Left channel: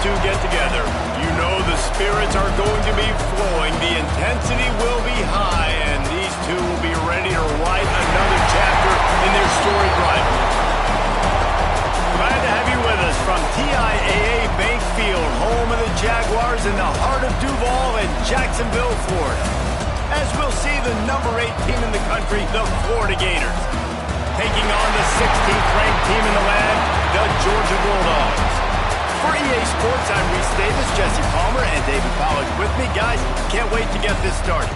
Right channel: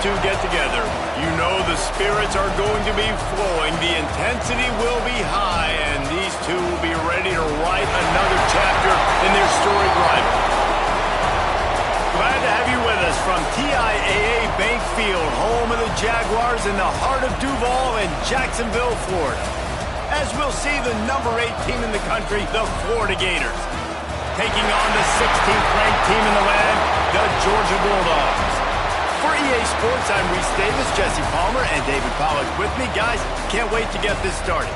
two get together, you know the spirits are going to be flowing, the intensity will be high, and these two will be ready to write another chapter in their storied rivalry. Glad to have you with us from TIAA Bank Field, home of the Jaguars in the heart of Duval and Jacksonville, Florida. As we'll see the number 8 team in the country, the Florida Gators, taking on the 16th ranked team in the land, the Georgia Bulldogs. For EA Sports, I'm Reese Davis, Jesse Palmer, and David Pollack with me. Guys, can't wait to get this started.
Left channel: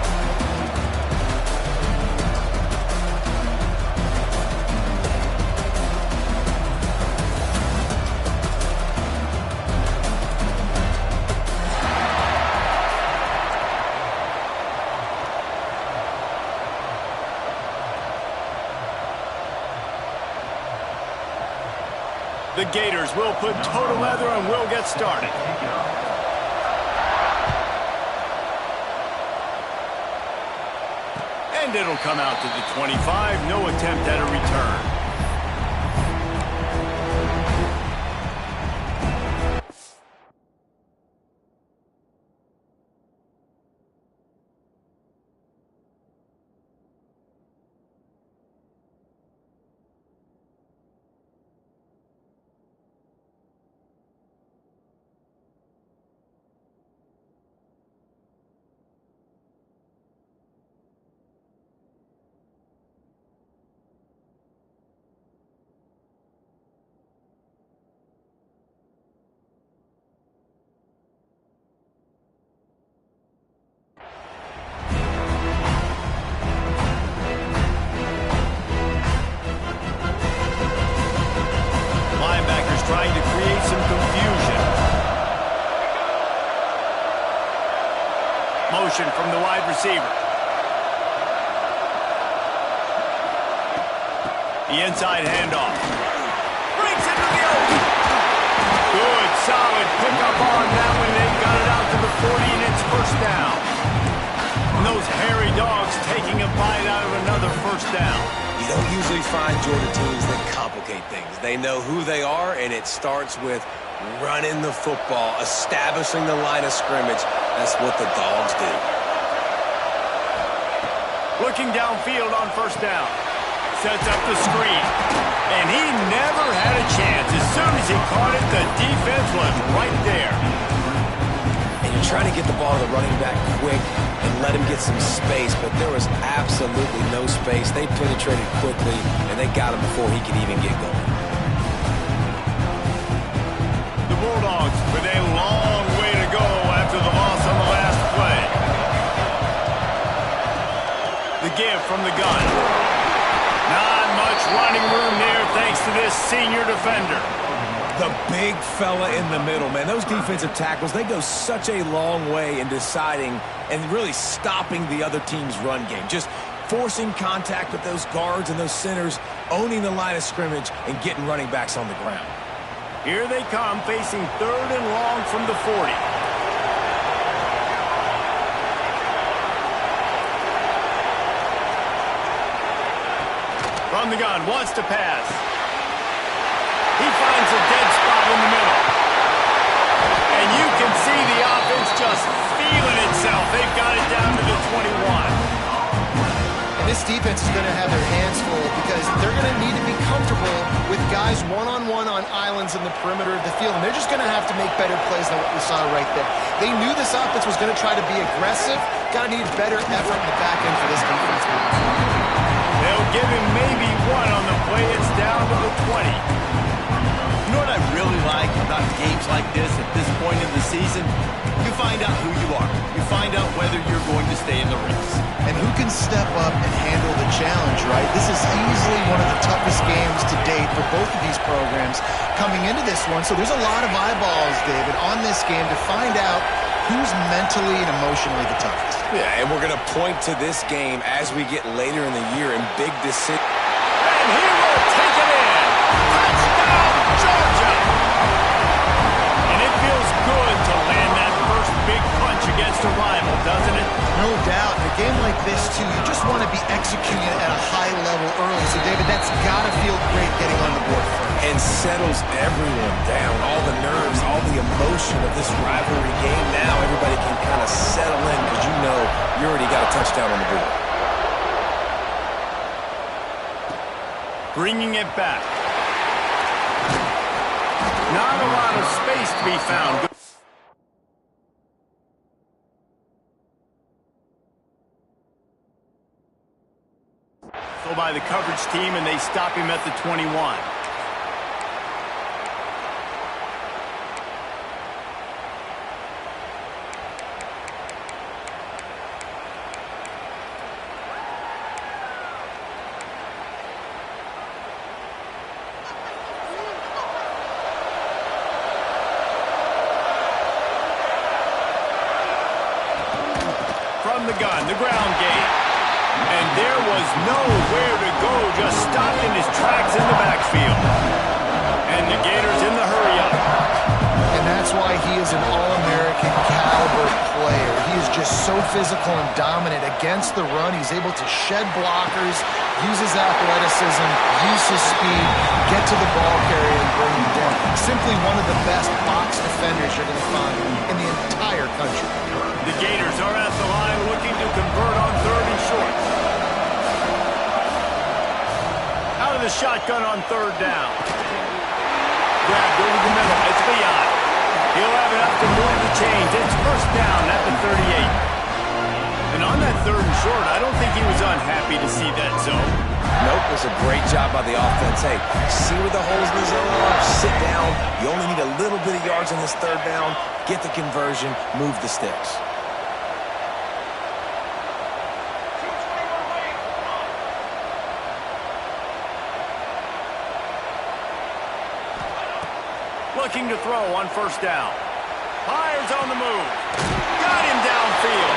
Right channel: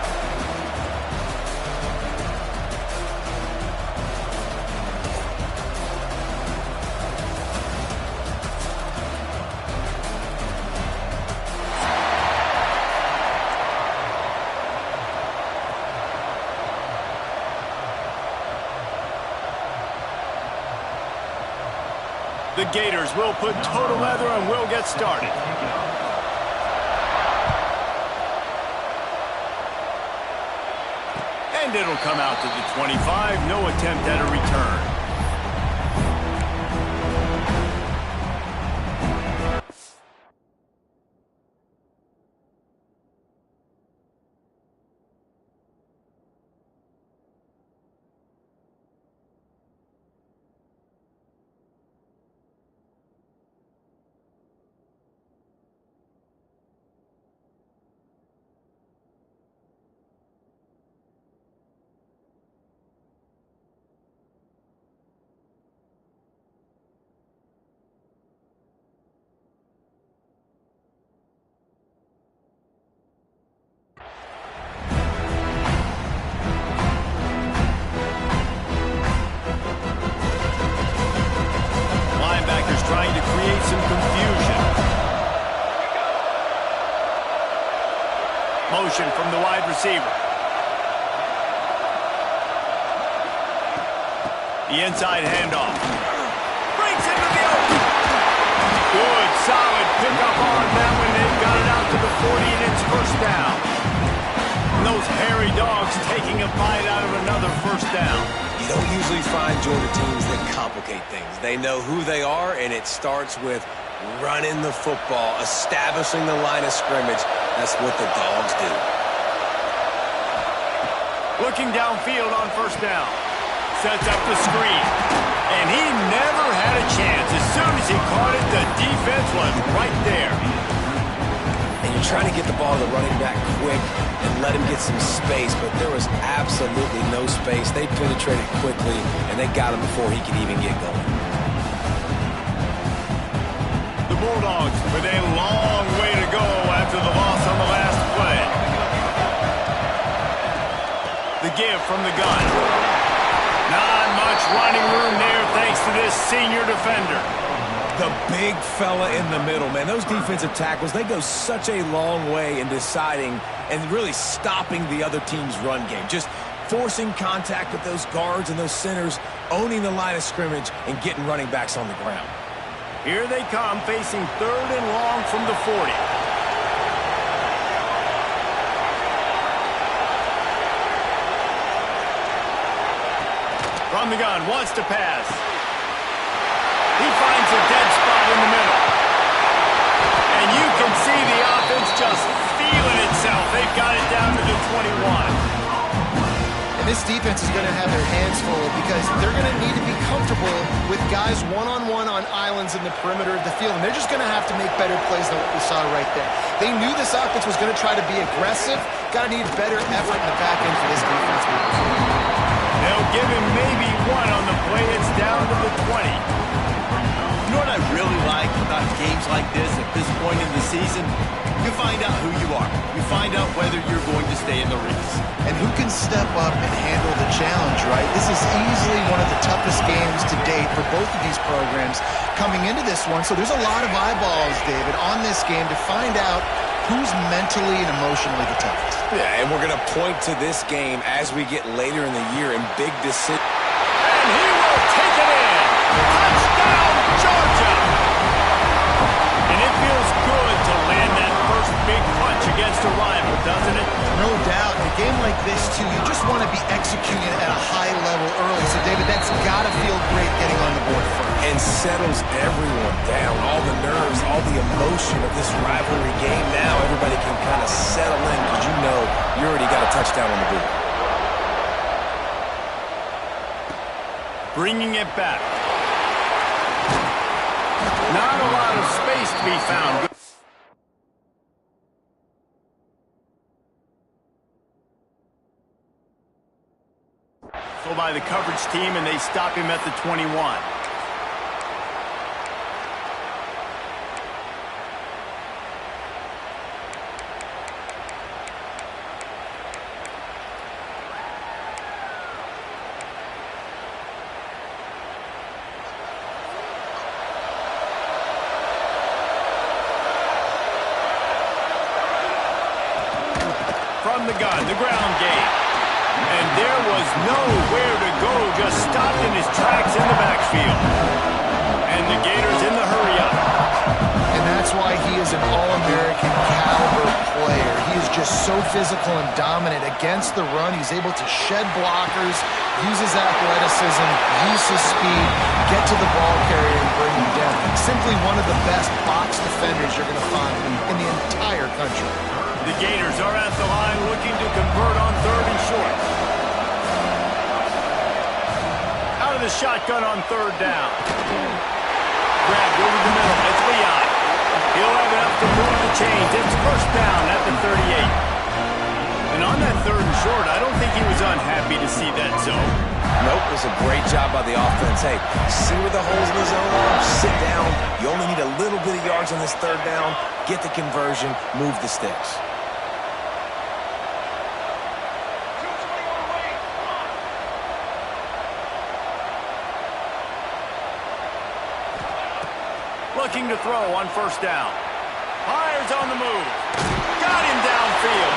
The Gators will put total leather and we'll get started. And it'll come out to the 25. No attempt at a return. Trying to create some confusion. Motion from the wide receiver. The inside handoff. Breaks into the open. Good, solid pickup on that one. They got it out to the 40, and it's first down. And those hairy dogs taking a bite out of another first down. You don't usually find Georgia teams that complicate things. They know who they are, and it starts with running the football, establishing the line of scrimmage. That's what the Dogs do. Looking downfield on first down. Sets up the screen. And he never had a chance. As soon as he caught it, the defense was right there. And you're trying to get the ball to the running back quick and let him get some space, but there was absolutely no space. They penetrated quickly, and they got him before he could even get going. The Bulldogs with a long way to go after the loss on the last play. The give from the gun. Not much running room there thanks to this senior defender. The big fella in the middle, man. Those defensive tackles, they go such a long way in deciding and really stopping the other team's run game. Just forcing contact with those guards and those centers, owning the line of scrimmage, and getting running backs on the ground. Here they come, facing 3rd and long from the 40. From the gun, wants to pass. He finds a dead spot in the middle. And you can see the offense just feeling itself. They've got it down to the 21. And this defense is going to have their hands full because they're going to need to be comfortable with guys one-on-one on islands in the perimeter of the field. And they're just going to have to make better plays than what we saw right there. They knew this offense was going to try to be aggressive. Got to need better effort in the back end for this defense moving forward. They'll give him maybe one on the play. It's down to the 20. You know what I really like about games like this at this point in the season? You find out who you are. You find out whether you're going to stay in the race. And who can step up and handle the challenge, right? This is easily one of the toughest games to date for both of these programs coming into this one. So there's a lot of eyeballs, David, on this game to find out who's mentally and emotionally the toughest. Yeah, and we're going to point to this game as we get later in the year in big decisions. And he will take it in. Touchdown, Georgia! And it feels good to land that first big punch against a rival, doesn't it? No doubt. In a game like this, too, you just want to be executing at a high level early. So, David, that's got to feel great getting on the board first. And settles everyone down. All the nerves, all the emotion of this rivalry game now. Everybody can kind of settle in because you know you already got a touchdown on the board. Bringing it back. Not a lot of space to be found. So by the coverage team, and they stop him at the 21. From the gun, the ground game. And there was nowhere to go, just stopped in his tracks in the backfield. And the Gators in the hurry-up. And that's why he is an All-American caliber player. He is just so physical and dominant against the run. He's able to shed blockers, use his athleticism, use his speed, get to the ball carrier and bring him down. Simply one of the best box defenders you're going to find in the entire country. The Gators are at the line looking to convert on 3rd and short. Out of the shotgun on 3rd down. Grabbed over the middle. It's Leon. He'll have enough to move the chains. It's 1st down at the 38. And on that 3rd and short, I don't think he was unhappy to see that zone. Nope, it was a great job by the offense. Hey, see where the holes in the zone are? Sit down. You only need a little bit of yards on this 3rd down. Get the conversion. Move the sticks. Looking to throw on 1st down. Fires on the move. Got him downfield.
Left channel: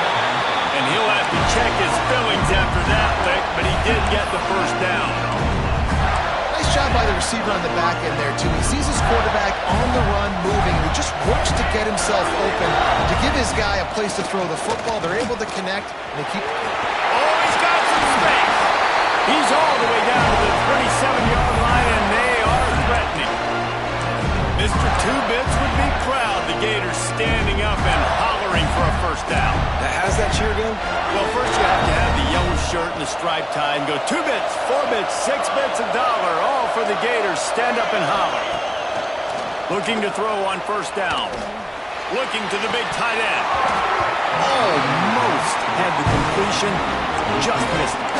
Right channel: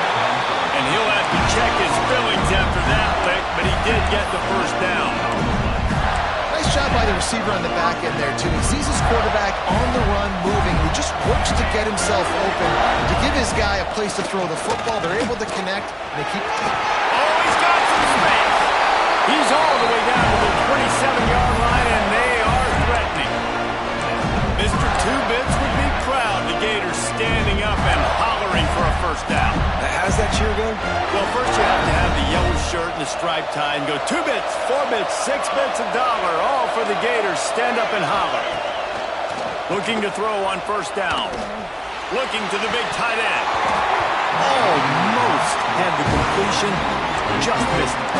And he'll have to check his fillings after that lick, but he did get the 1st down. Nice job by the receiver on the back end there, too. He sees his quarterback on the run moving, and he just works to get himself open to give his guy a place to throw the football. They're able to connect, and they keep... Oh, he's got some space. He's all the way down to the 27-yard line, and they are threatening. Mr. Two-Bits would be proud. The Gators standing up and hollering for a 1st down. How's that cheer go? Well, first you have to have the yellow shirt and the striped tie and go 2 bits, 4 bits, 6 bits, $1, all for the Gators. Stand up and holler. Looking to throw on 1st down. Looking to the big tight end. Almost had the completion. Just missed it.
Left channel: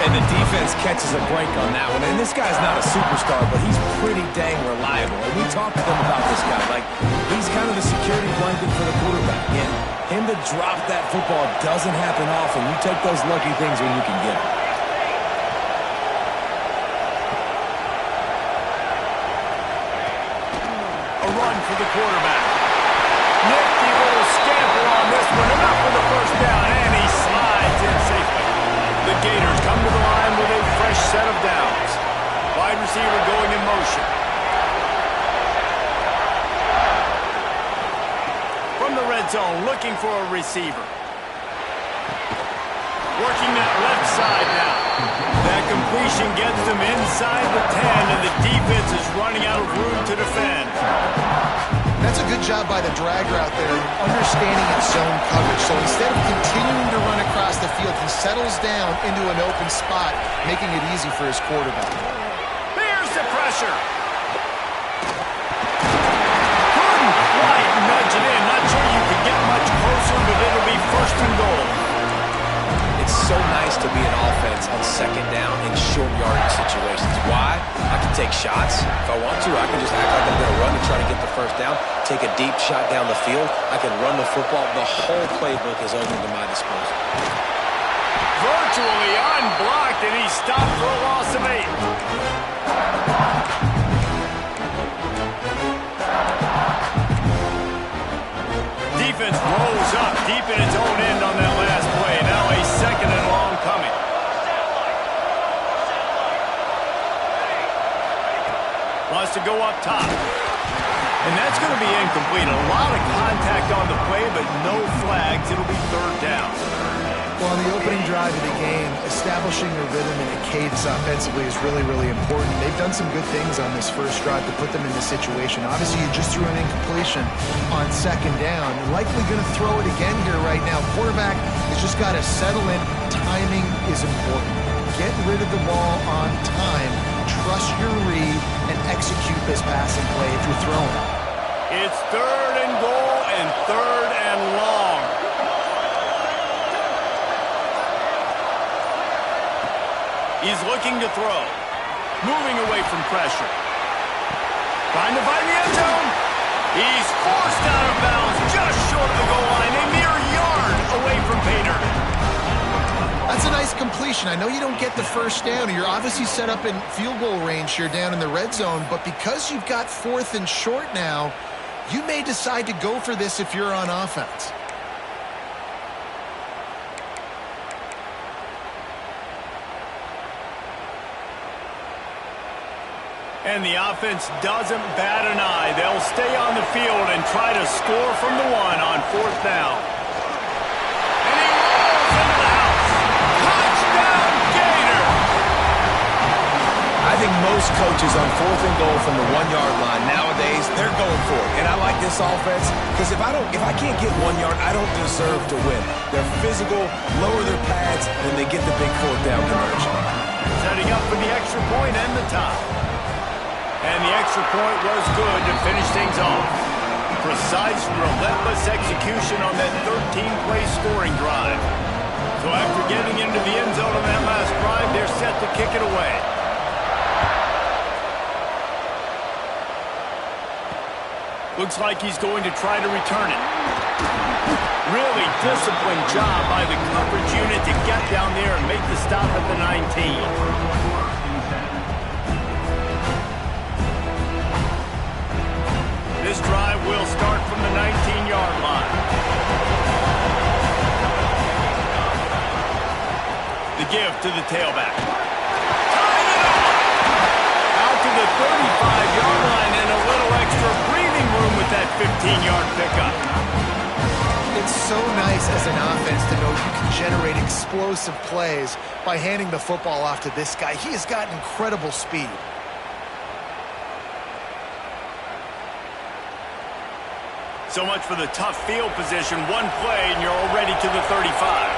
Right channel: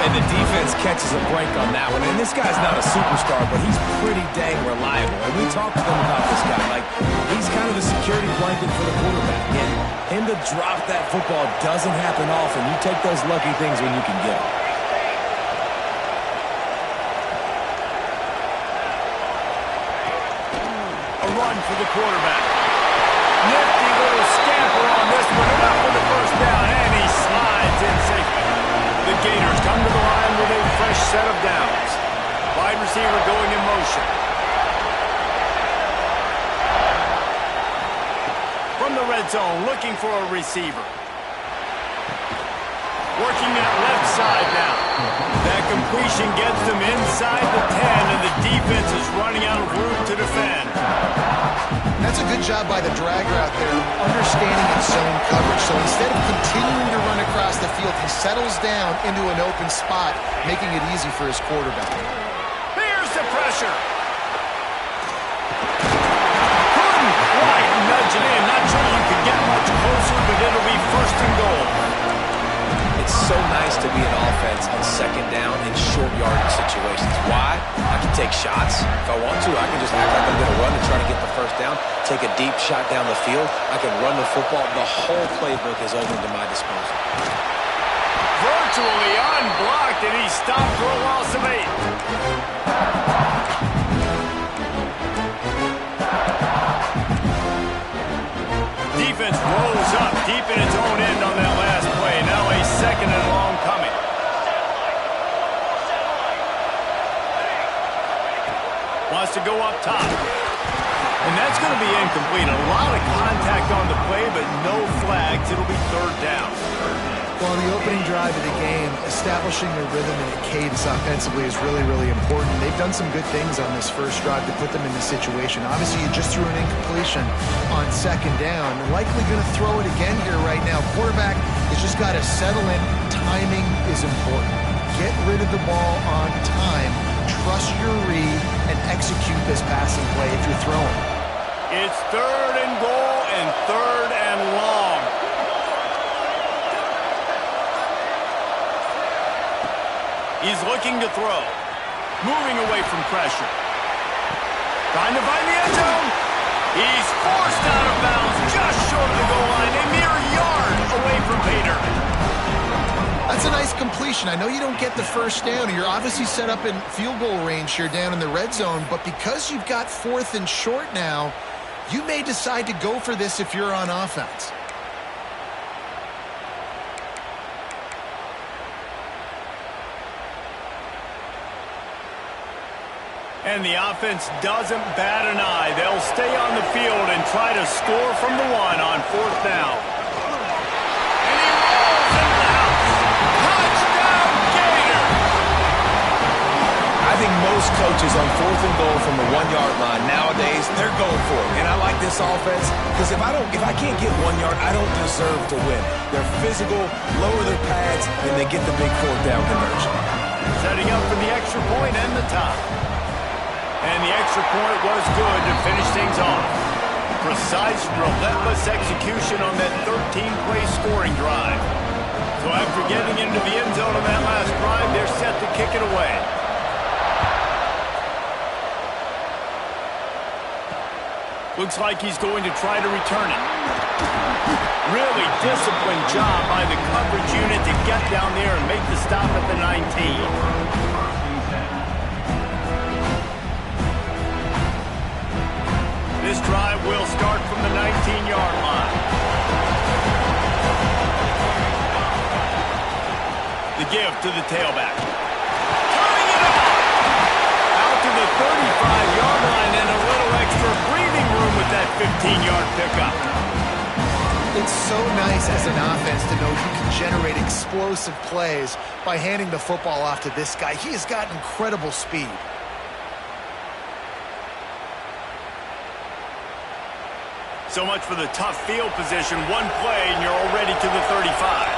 And the defense catches a break on that one. And this guy's not a superstar, but he's pretty dang reliable. And we talked to them about this guy. Like, he's kind of the security blanket for the quarterback. And him to drop that football doesn't happen often. You take those lucky things when you can get them. A run for the quarterback. Nifty little scamper on this one. Enough for the 1st down, and he slides in safely. The Gators come to the line with a fresh set of downs. Wide receiver going in motion. From the red zone, looking for a receiver. Working that left side now. That completion gets them inside the 10, and the defense is running out of room to defend. That's a good job by the drag route there, understanding its zone coverage. So instead of continuing to run across the field, he settles down into an open spot, making it easy for his quarterback. Here's the pressure. Couldn't quite nudge it in. Not sure you could get much closer, but it'll be 1st and goal. It's so nice to be an offense on 2nd down in short yardage situations. Why? I can take shots. If I want to, I can just act like I'm going to run and try to get the 1st down, take a deep shot down the field. I can run the football. The whole playbook is open to my disposal. Virtually unblocked, and he stopped for a loss of 8. Defense rolls up deep in its own end on that last play. Now a 2nd and long coming. Wants to go up top. And that's going to be incomplete. A lot of contact on the play, but no flags. It'll be third down. Well, on the opening drive of the game, establishing a rhythm and a cadence offensively is really, really important. They've done some good things on this first drive to put them in this situation. Obviously, you just threw an incompletion on second down. Likely going to throw it again here right now. Quarterback has just got to settle in. Timing is important. Get rid of the ball on time. Trust your read and execute this passing play if you're throwing. It's third and goal and third and long. He's looking to throw. Moving away from pressure. Trying to find the end zone. He's forced out of bounds just short of the goal line. A mere yard away from Pater. That's a nice completion. I know you don't get the first down. You're obviously set up in field goal range here down in the red zone, but because you've got fourth and short now, you may decide to go for this if you're on offense. And the offense doesn't bat an eye. They'll stay on the field and try to score from the one on fourth down. And he rolls into the house. Touchdown, Gator! I think most coaches on fourth and goal from the 1 yard line nowadays, they're going for it. And I like this offense because if I can't get 1 yard, I don't deserve to win. They're physical, lower their pads, and they get the big fourth down conversion. Setting up for the extra point and the top. And the extra point was good to finish things off. Precise, relentless execution on that 13-play scoring drive. So after getting into the end zone on that last drive, they're set to kick it away. Looks like he's going to try to return it. Really disciplined job by the coverage unit to get down there and make the stop at the 19. This drive will start from the 19-yard line. The give to the tailback. Turning it on! Out to the 35-yard line and a little extra breathing room with that 15-yard pickup. It's so nice as an offense to know you can generate explosive plays by handing the football off to this guy. He has got incredible speed. So much for the tough field position. One play, and you're already to the 35.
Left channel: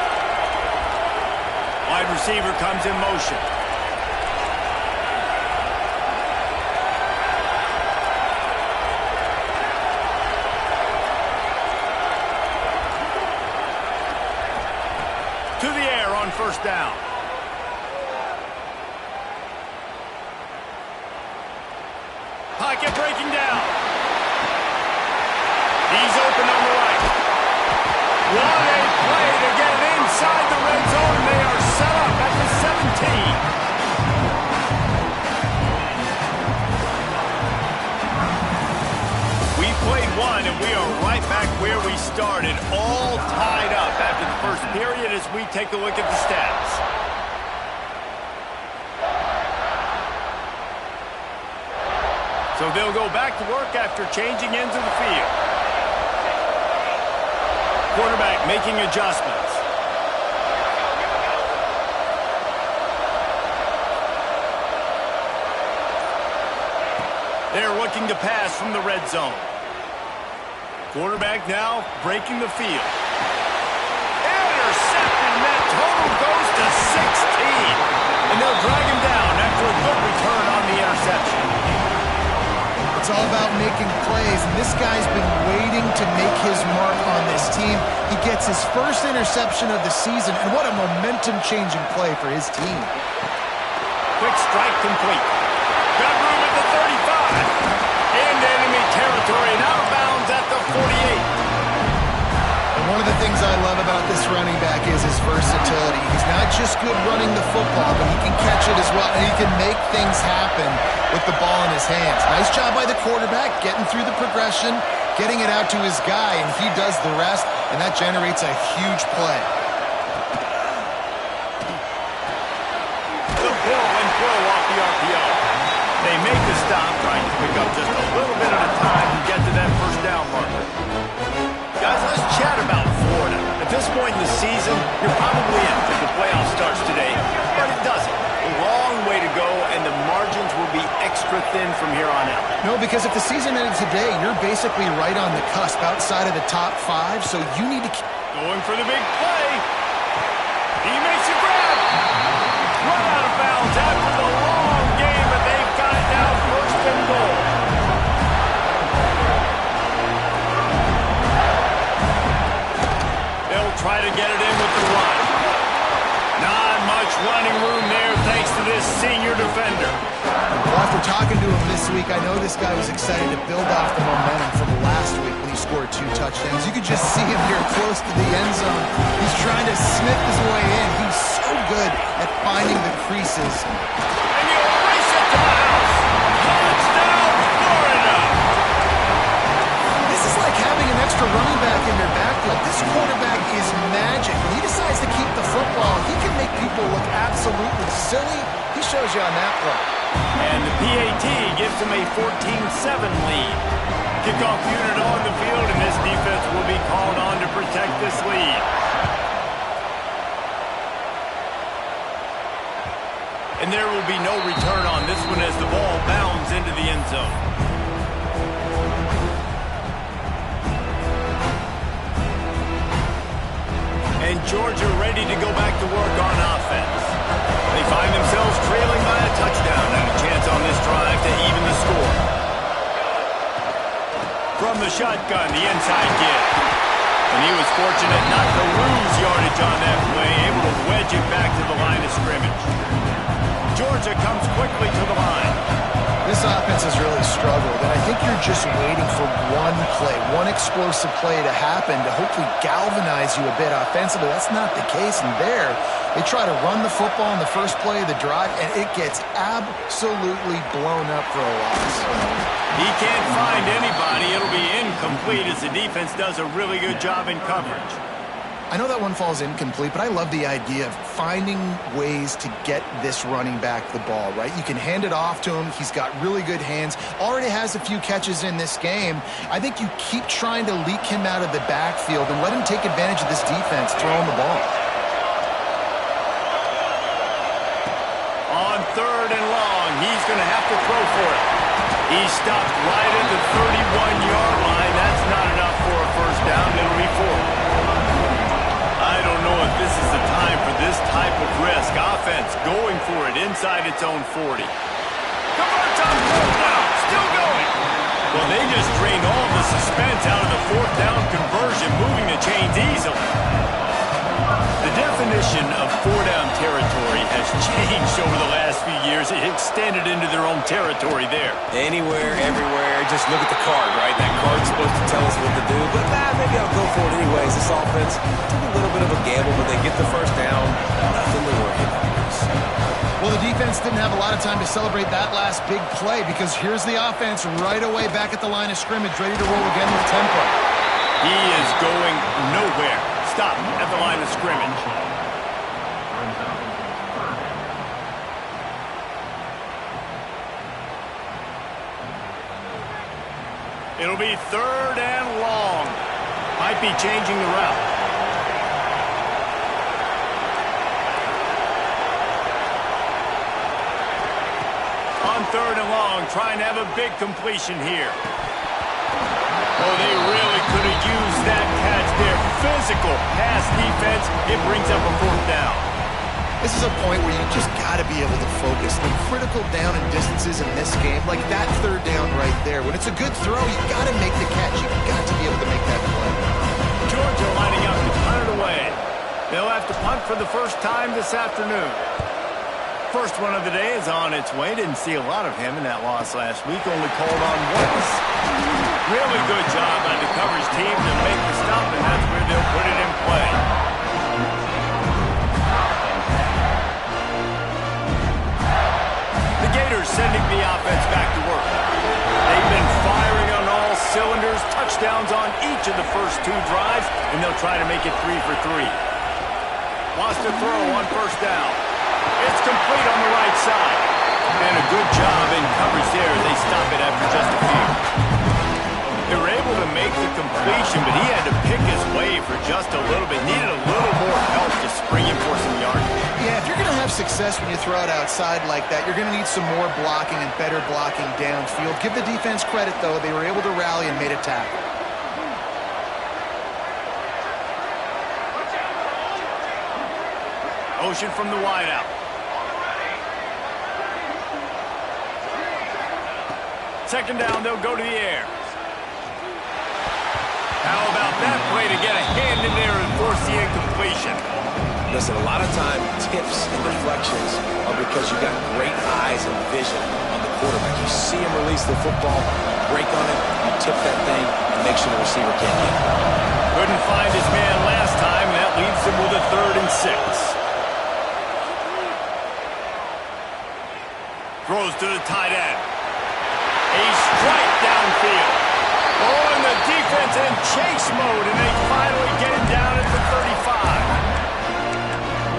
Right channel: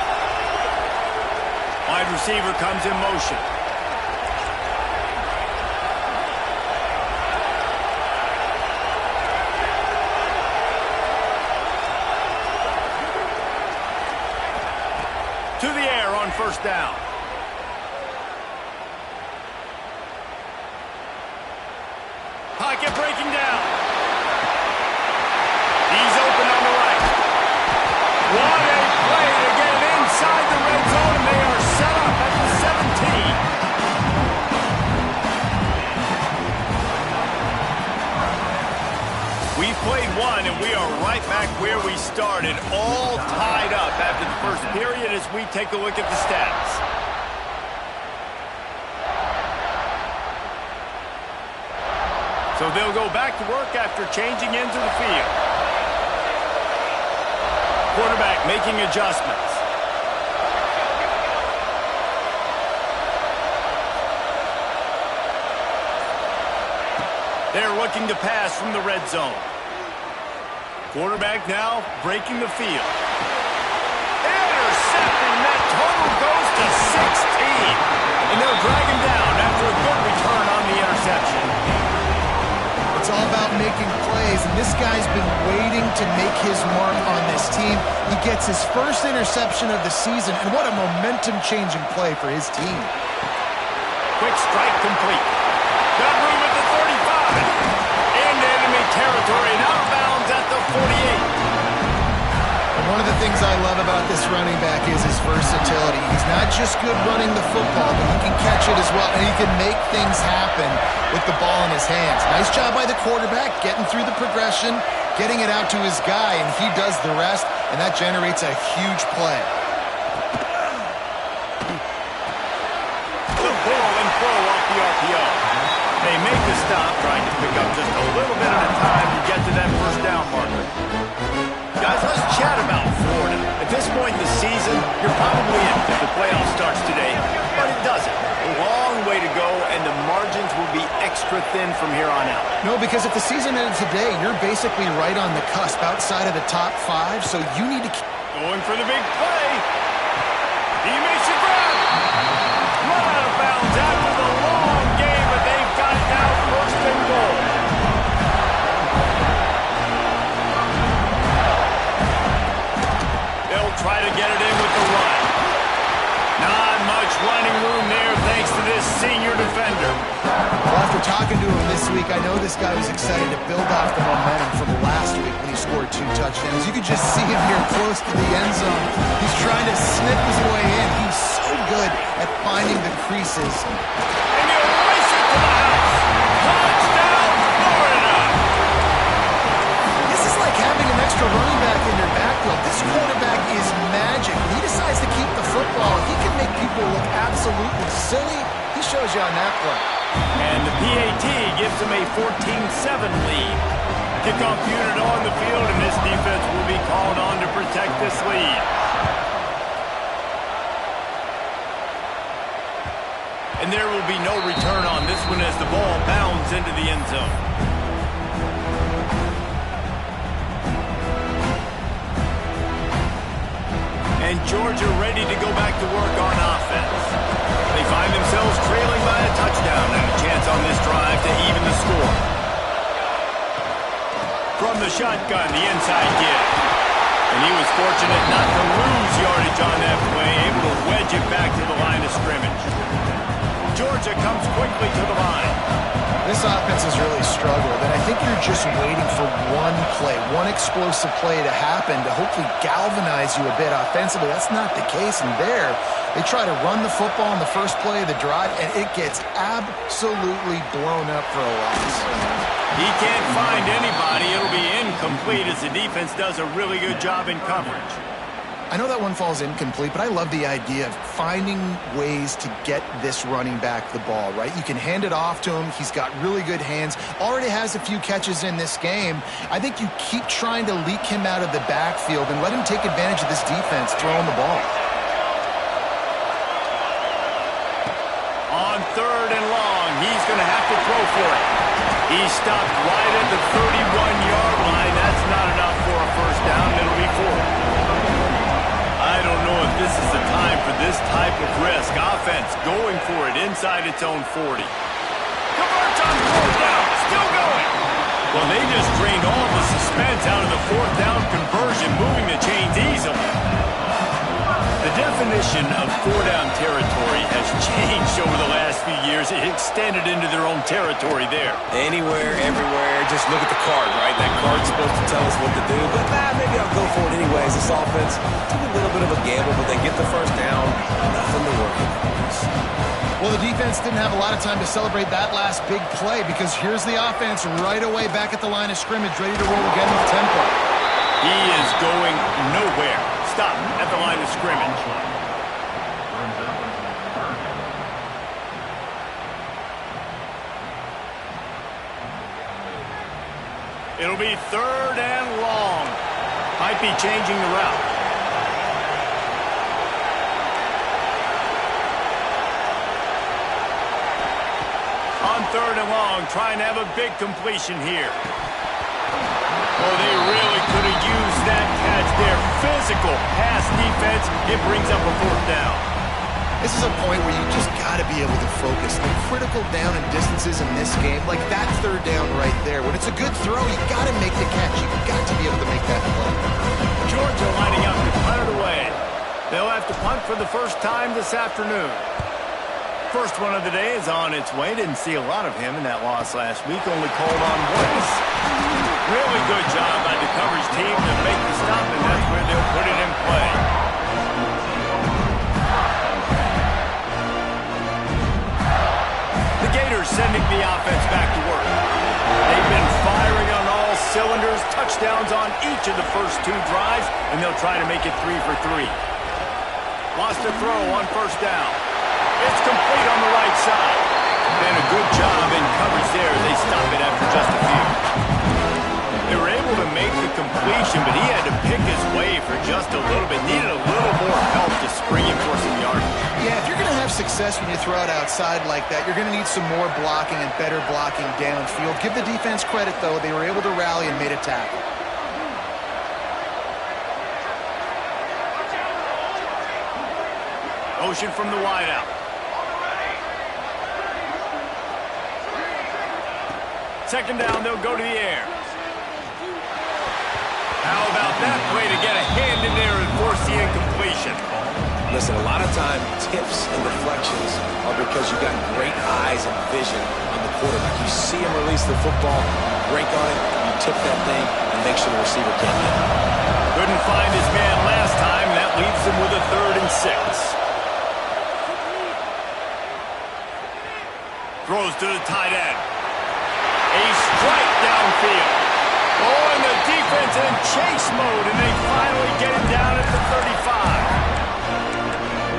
Wide receiver comes in motion. To the air on first down. Pocket breaking down. He's open on the right. What a play to get it inside the red zone, and they are set up at the 17. We played one, and we are right back where we started, all tied up after the first period as we take a look at the stats. So they'll go back to work after changing into the field. Quarterback making adjustments. They're looking to pass from the red zone. Quarterback now breaking the field. Intercepted, and that total goes to 16. And they'll drag him down after a good return on the interception. It's all about making plays, and this guy's been waiting to make his mark on this team. He gets his first interception of the season, and what a momentum-changing play for his team. Quick strike complete. Got room at the 35. Into enemy territory and out of bounds at the 48. One of the things I love about this running back is his versatility. He's not just good running the football, but he can catch it as well, and he can make things happen with the ball in his hands. Nice job by the quarterback, getting through the progression, getting it out to his guy, and he does the rest, and that generates a huge play. The pull and throw off the RPO. They make the stop, trying to pick up just a little bit at a time to get to that first down marker. Guys, let's chat about Florida. At this point in the season, you're probably in if the playoff starts today, but it doesn't. A long way to go, and the margins will be extra thin from here on out. No, because if the season ended today, you're basically right on the cusp outside of the top 5, so you need to keep going for the big play. He makes a grab. Run out of bounds after the long game, but they've got it now first and goal. They'll try to get it in with the run. Not much running room there thanks to this senior defender. Well, after talking to him this week, I know this guy was excited to build off the momentum from last week when he scored 2 touchdowns. You could just see him here close to the end zone. He's trying to snip his way in. He's so good at finding the creases. And you race it to the house. Touchdown, Florida! This is like having an extra running back in your backfield. This quarterback is magic. When he decides to keep the football, he can make people look absolutely silly. He shows you on that play. And the PAT gives him a 14-7 lead. Kickoff unit on the field, and this defense will be called on to protect this lead. And there will be no return on this one as the ball bounds into the end zone. And Georgia ready to go back to work on offense. They find themselves trailing by a touchdown and a chance on this drive to even the score. From the shotgun, the inside give. And he was fortunate not to lose yardage on that play, able to wedge it back to the line of scrimmage. Georgia comes quickly to the line. This offense has really struggled, and I think you're just waiting for one play, one explosive play to happen to hopefully galvanize you a bit offensively. That's not the case, and there they try to run the football in the first play of the drive, and it gets absolutely blown up for a loss. He can't find anybody. It'll be incomplete as the defense does a really good job in coverage. I know that one falls incomplete, but I love the idea of finding ways to get this running back the ball, right? You can hand it off to him. He's got really good hands. Already has a few catches in this game. I think you keep trying to leak him out of the backfield and let him take advantage of this defense throwing the ball. On 3rd and long, he's going to have to throw for it. He stopped right at the 31-yard line. That's not enough for a first down. It'll be 4. I don't know if this is the time for this type of risk. Offense going for it inside its own 40. Converts on 4th down. Still going. Well, they just drained all the suspense out of the 4th down conversion, moving the chains easily. The definition of 4-down territory has changed over the last few years. It extended into their own territory there. Anywhere, everywhere, just look at the card, right? That card's supposed to tell us what to do, but maybe I'll go for it anyways. This offense took a little bit of a gamble, but they get the first down. Nothing to worry about. Well, the defense didn't have a lot of time to celebrate that last big play because here's the offense right away back at the line of scrimmage, ready to roll again with tempo. He is going nowhere. Stop at the line of scrimmage. It'll be 3rd and long. Might be changing the route. On 3rd and long, trying to have a big completion here. Oh, they really could have used that catch there. Physical pass defense. It brings up a 4th down. This is a point where you just got to be able to focus. The critical down and distances in this game, like that 3rd down right there. When it's a good throw, you got to make the catch. You got to be able to make that play. Georgia lining up to punt it away. They'll have to punt for the first time this afternoon. First one of the day is on its way. Didn't see a lot of him in that loss last week. Only called on once. Really good job by the coverage team to make the stop, and that's where they'll put it in play. The Gators sending the offense back to work. They've been firing on all cylinders, touchdowns on each of the first 2 drives, and they'll try to make it 3 for 3. Lost a throw on 1st down. It's complete on the right side. And a good job in coverage there. They stop it after just a few. They were able to make the completion, but he had to pick his way for just a little bit. Needed a little more help to spring him for some yardage. Yeah, if you're going to have success when you throw it outside like that, you're going to need some more blocking and better blocking downfield. Give the defense credit, though. They were able to rally and made a tackle. Motion from the wideout. Second down, they'll go to the air. How about that play to get a hand in there and force the incompletion? Listen, a lot of time, tips and deflections are because you got great eyes and vision on the quarterback. You see him release the football, you break on it, you tip that thing, and make sure the receiver can't get it. Couldn't find his man last time, and that leaves him with a 3rd and 6. Throws to the tight end. A strike downfield. Oh, and the defense in chase mode, and they finally get him down at the 35.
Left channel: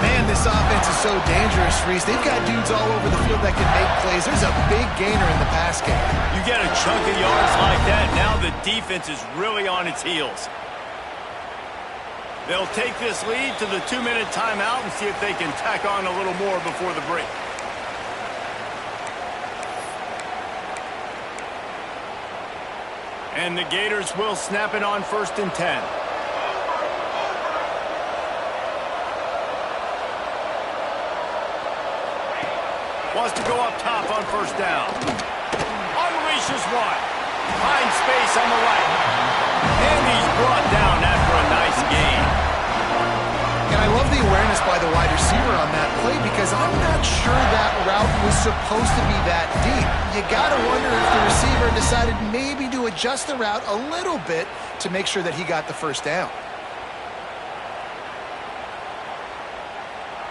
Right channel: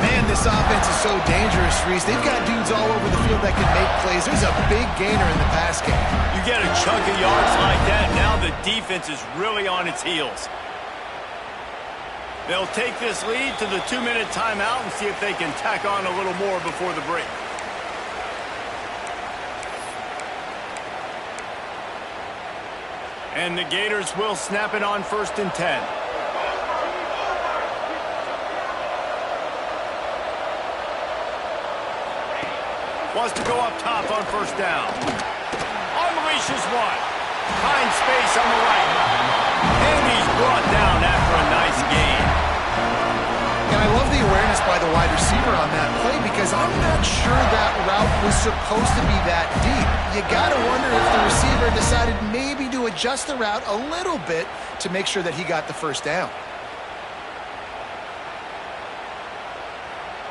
Man, this offense is so dangerous, Reese. They've got dudes all over the field that can make plays. There's a big gainer in the pass game. You get a chunk of yards like that, now the defense is really on its heels. They'll take this lead to the 2-minute timeout and see if they can tack on a little more before the break. And the Gators will snap it on 1st and 10. Wants to go up top on 1st down. Unleashes one. Finds space on the right. And he's brought down after a nice gain. And I love the awareness by the wide receiver on that play because I'm not sure that route was supposed to be that deep. You got to wonder if the receiver decided maybe to adjust the route a little bit to make sure that he got the 1st down.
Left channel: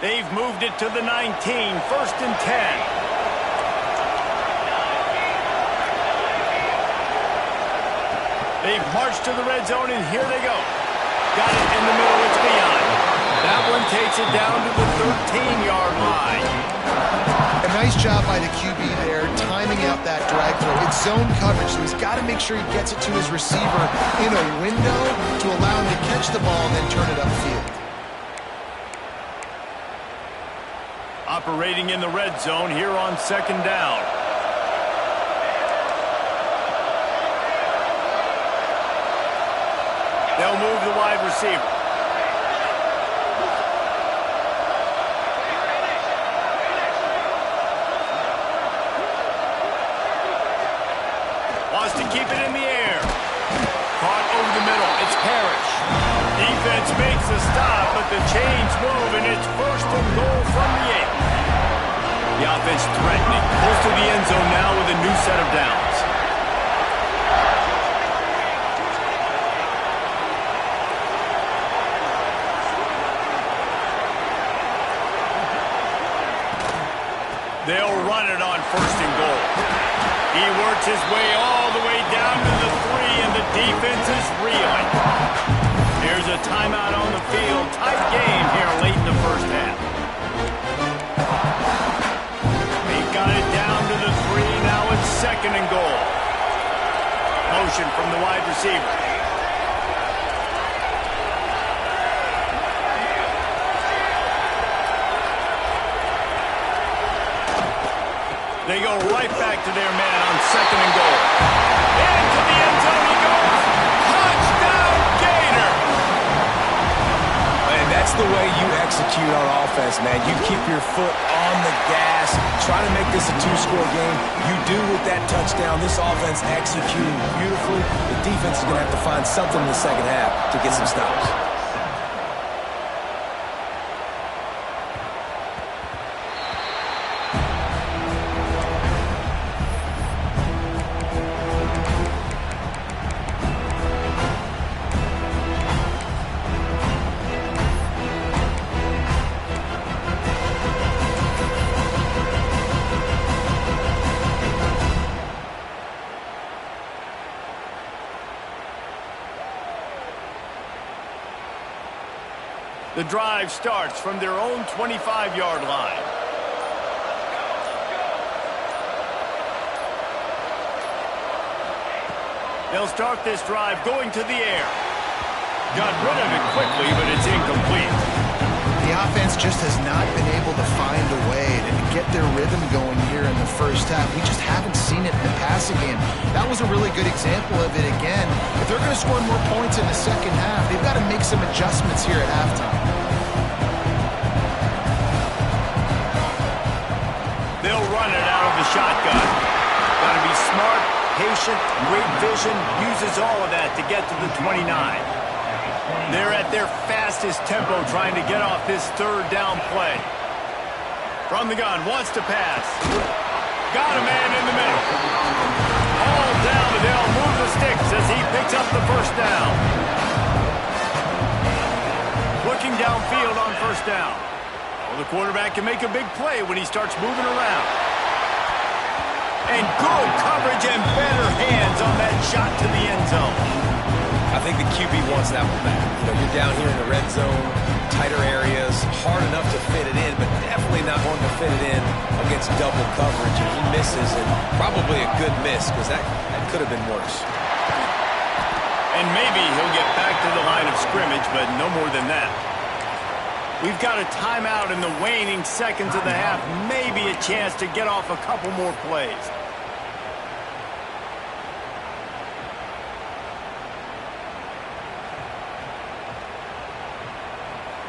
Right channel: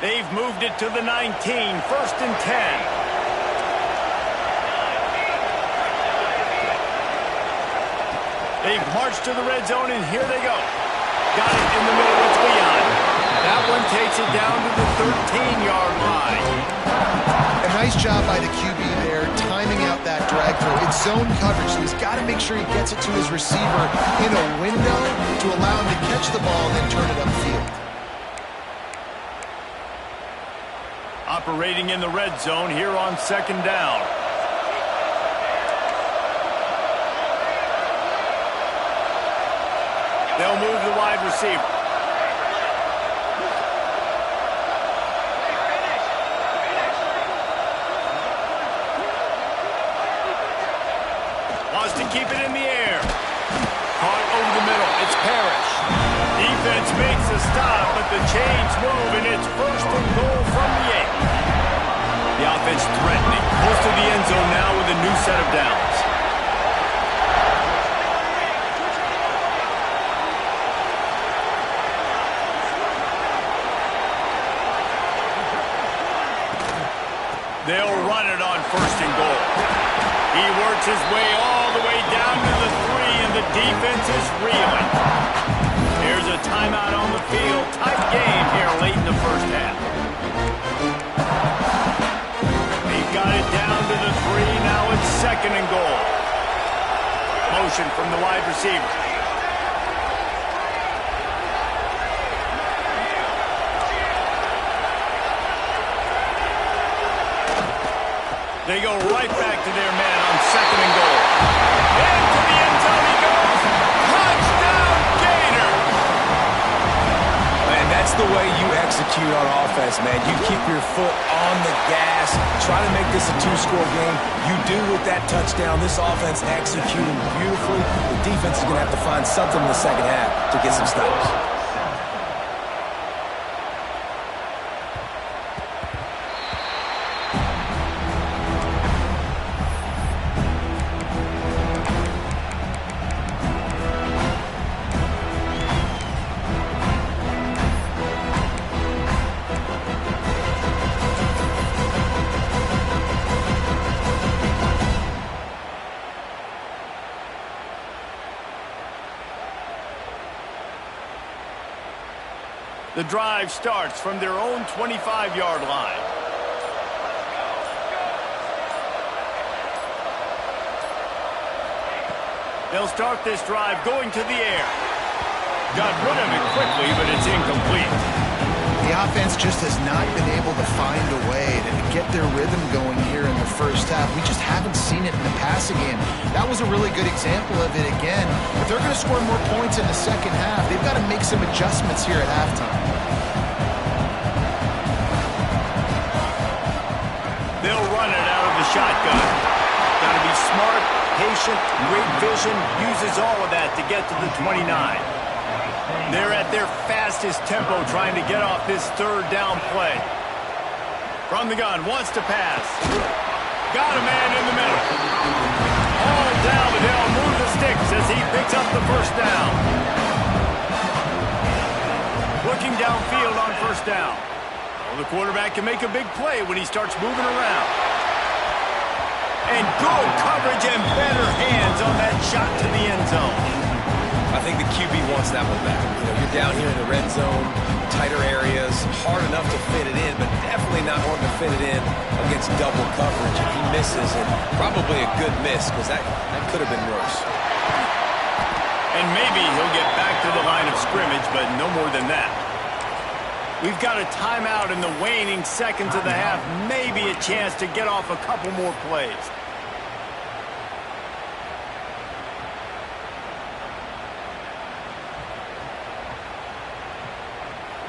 They've moved it to the 19, 1st and 10. They've marched to the red zone, and here they go. Got it in the middle, it's Leon. That one takes it down to the 13-yard line. A nice job by the QB there, timing out that drag throw. It's zone coverage, so he's got to make sure he gets it to his receiver in a window to allow him to catch the ball and then turn it upfield. Operating in the red zone here on 2nd down. They'll move the wide receiver. Wants to keep it in the air. Caught over the middle. It's Parrish. Defense makes a stop, but the chains move, and it's 1st and goal from the 8. The offense threatening. Close to the end zone now with a new set of downs. They'll run it on 1st and goal. He works his way all the way down to the 3, and the defense is reeling. Here's a timeout on the field. Tight game here late in the 1st half. He got it down to the 3. Now it's 2nd and goal. Motion from the wide receiver. They go right back to their man on 2nd and goal. Into the end zone he goes. Touchdown, Gator! And that's the way you execute on offense, man. You keep your foot on the gas. Try to make this a 2-score game. You do with that touchdown. This offense executing beautifully. The defense is going to have to find something in the 2nd half to get some stops. The drive starts from their own 25-yard line. They'll start this drive going to the air. Got rid of it quickly, but it's incomplete. The offense just has not been able to find a way to get their rhythm going here in the first half. We just haven't seen it in the passing game. That was a really good example of it again. If they're going to score more points in the second half, they've got to make some adjustments here at halftime. They'll run it out of the shotgun. Got to be smart, patient, great vision, uses all of that to get to the 29. They're at their fastest tempo trying to get off this third down play. From the gun, wants to pass. Got a man in the middle. All down, Liddell moves the sticks as he picks up the first down. Looking downfield on first down. Oh, the quarterback can make a big play when he starts moving around. And good coverage and better hands on that shot to the end zone. I think the QB wants that one back. You know, you're down here in the red zone, tighter areas, hard enough to fit it in, but definitely not going to fit it in against double coverage, and he misses, and probably a good miss because that could have been worse. And maybe he'll get back to the line of scrimmage, but no more than that. We've got a timeout in the waning seconds of the half, maybe a chance to get off a couple more plays.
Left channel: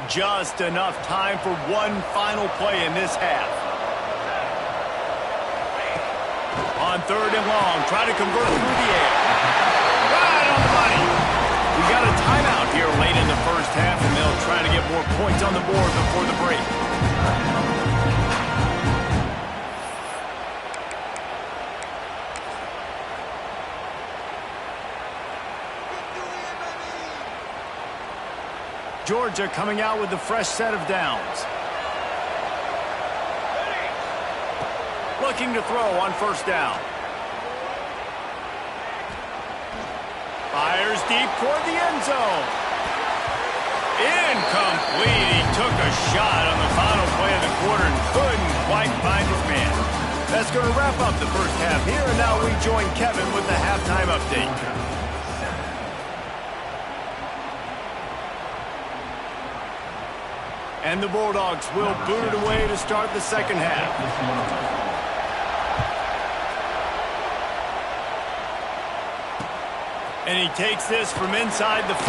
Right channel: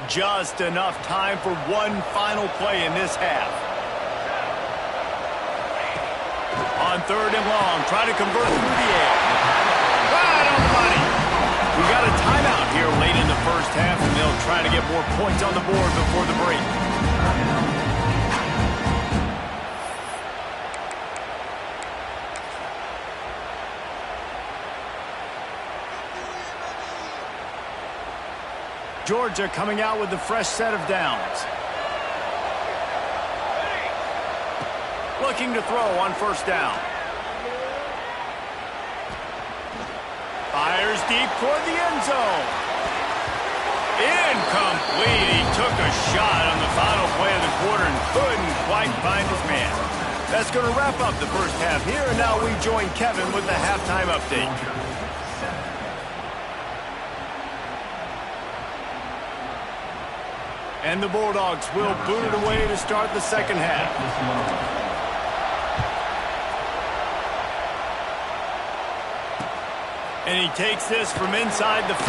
Just enough time for one final play in this half. On third and long, try to convert through the air. Right on the money. We got a timeout here late in the first half, and they'll try to get more points on the board before the break. Georgia coming out with a fresh set of downs. Looking to throw on first down. Fires deep toward the end zone. Incomplete. He took a shot on the final play of the quarter and couldn't quite find his man. That's going to wrap up the first half here, and now we join Kevin with the halftime update. And the Bulldogs will boot it away to start the second half. And he takes this from inside the 5.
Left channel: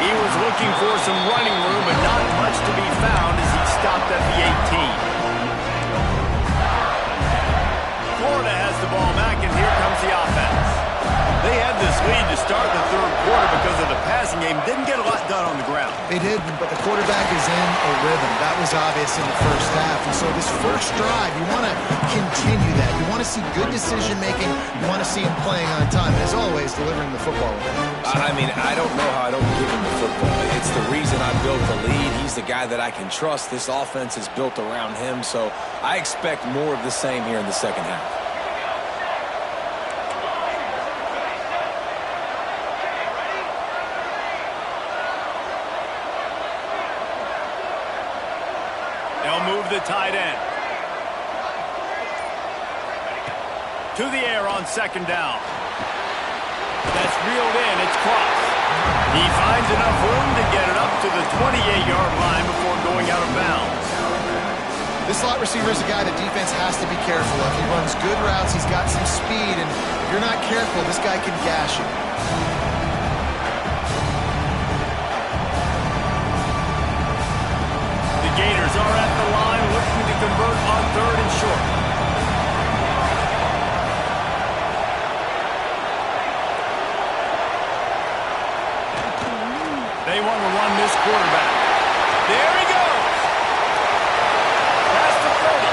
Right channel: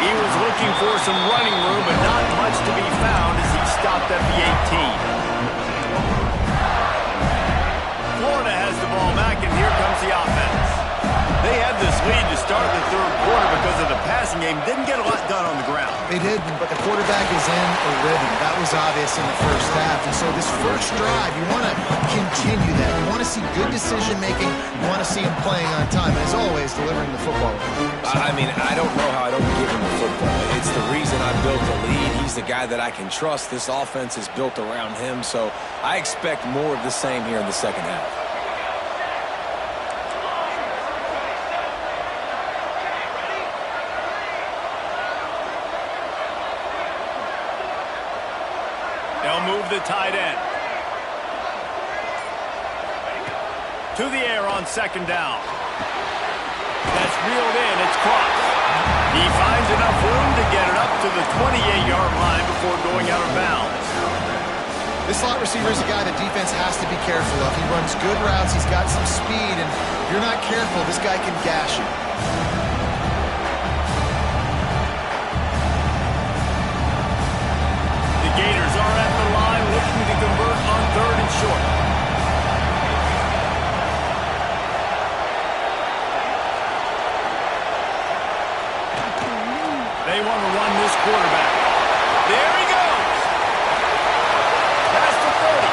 He was looking for some running room, but not much to be found as he stopped at the 18. Florida has the ball back, and here comes the offense. They had this lead to start the third quarter because of the passing game. Didn't get a lot done on the ground. They didn't, but the quarterback is in a rhythm. That was obvious in the first half. And so this first drive, you want to continue that. You want to see good decision-making. You want to see him playing on time. And as always, delivering the football. I mean, I don't know how I don't give him the football. It's the reason I built the lead. He's the guy that I can trust. This offense is built around him. So I expect more of the same here in the second half. They'll move the tight end. To the air on second down. That's reeled in. It's crossed. He finds enough room to get it up to the 28-yard line before going out of bounds. This slot receiver is a guy the defense has to be careful of. He runs good routes. He's got some speed. And if you're not careful, this guy can gash you. Gators are at the line looking to convert on third and short. They want to run this quarterback. There he goes. Past the 30.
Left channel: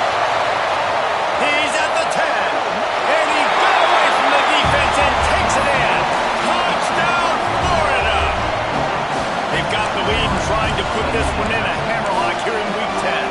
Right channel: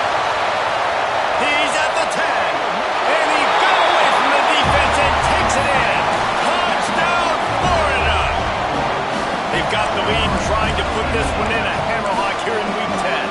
He's at the 10. And he got away from the defense and takes it in. Touchdown, Florida. They've got the lead and trying to put this one in a hammerlock here in Week 10.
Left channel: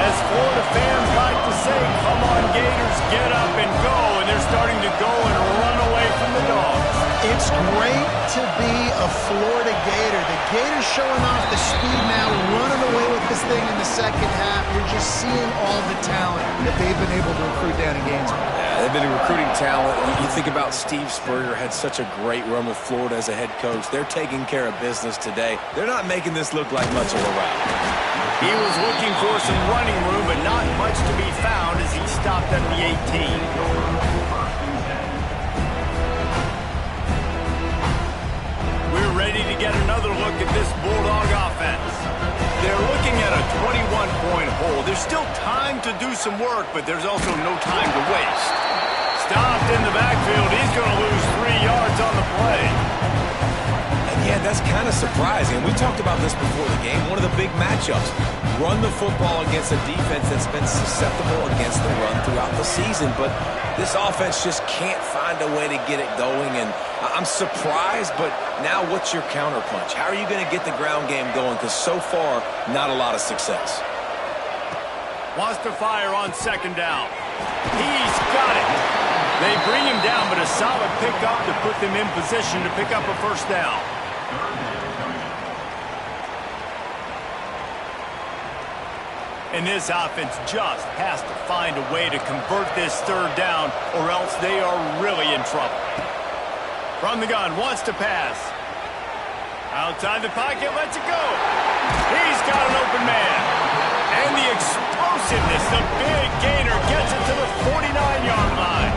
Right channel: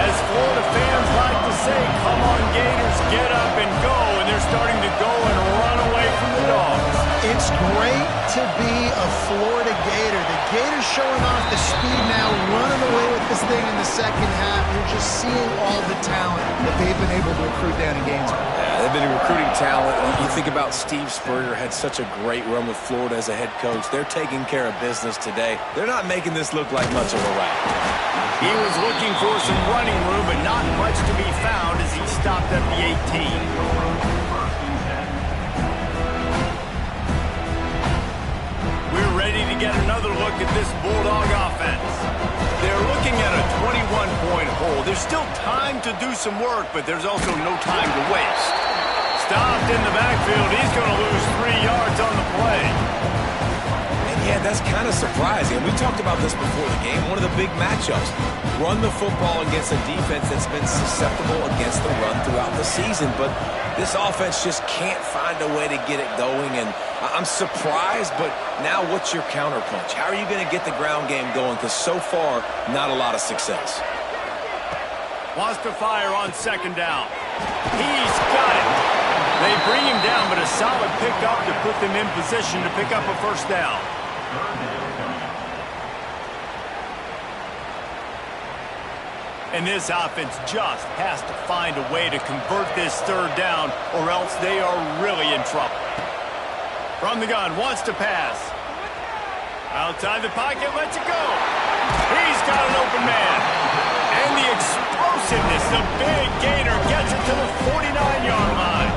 As Florida fans like to say, come on Gators, get up and go, and they're starting to go and run away from the Dogs. It's great to be a Florida Gator. The Gators showing off the speed now, running away with this thing in the second half. You're just seeing all the talent that they've been able to recruit down in Gainesville. Yeah, they've been recruiting talent. You think about Steve Spurrier, had such a great run with Florida as a head coach. They're taking care of business today. They're not making this look like much of a rout. He was looking for some running room, but not much to be found as he stopped at the 18. We're ready to get another look at this Bulldog offense. They're looking at a 21-point hole. There's still time to do some work, but there's also no time to waste. Stopped in the backfield. He's going to lose 3 yards on the play. Yeah, that's kind of surprising. We talked about this before the game. One of the big matchups. Run the football against a defense that's been susceptible against the run throughout the season. But this offense just can't find a way to get it going. And I'm surprised, but now what's your counterpunch? How are you going to get the ground game going? Because so far, not a lot of success. Wants to fire on second down. He's got it. They bring him down, but a solid pickup to put them in position to pick up a first down. And this offense just has to find a way to convert this third down, or else they are really in trouble. From the gun, wants to pass. Outside the pocket, lets it go. He's got an open man. And the explosiveness, the big gainer gets it to the 49-yard line.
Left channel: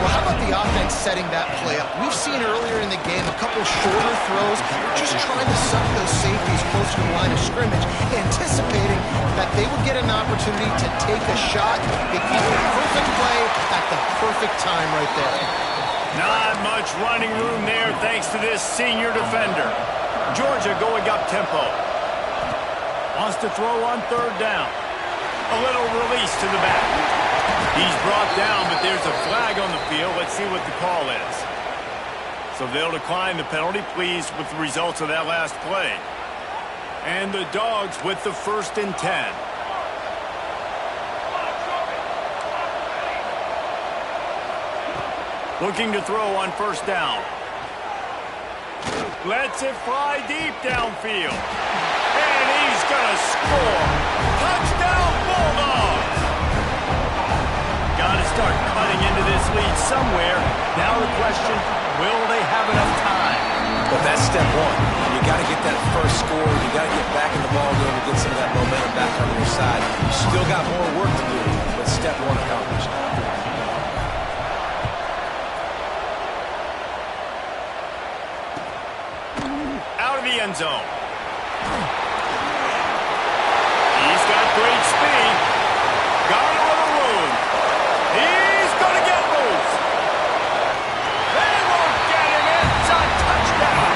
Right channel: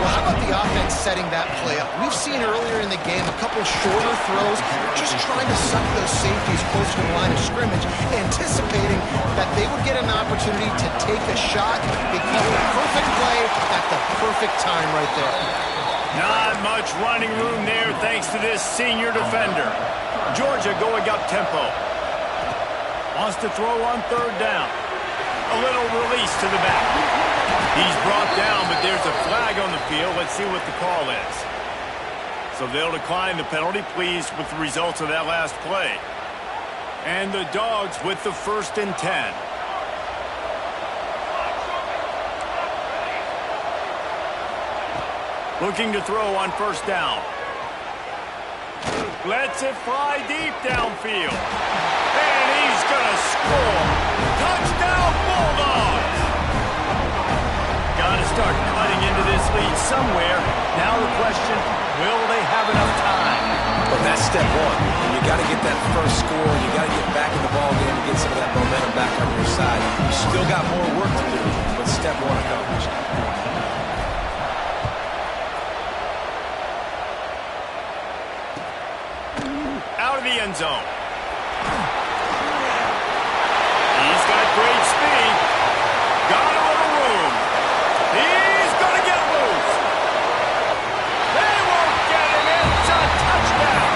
Well, how about the offense setting that play up? We've seen earlier in the game a couple shorter throws, just trying to suck those safeties closer to the line of scrimmage, anticipating that they would get an opportunity to take a shot. They call it a perfect play at the perfect time right there. Not much running room there thanks to this senior defender. Georgia going up tempo. Wants to throw on third down. A little release to the back. He's brought down, but there's a flag on the field. Let's see what the call is. So they'll decline the penalty, pleased with the results of that last play. And the Dogs with the 1st and 10. Looking to throw on first down. Lets it fly deep downfield. And he's going to score. Touchdown, Bulldogs! Got to start cutting into this lead somewhere. Now the question, will they have enough time? But that's step one. You got to get that first score. You got to get back in the ball game and get some of that momentum back on your side. You still got more work to do, but step one accomplished. Out of the end zone. He's got great speed. Got a little room. He's going to get loose. They won't get him. It's a touchdown.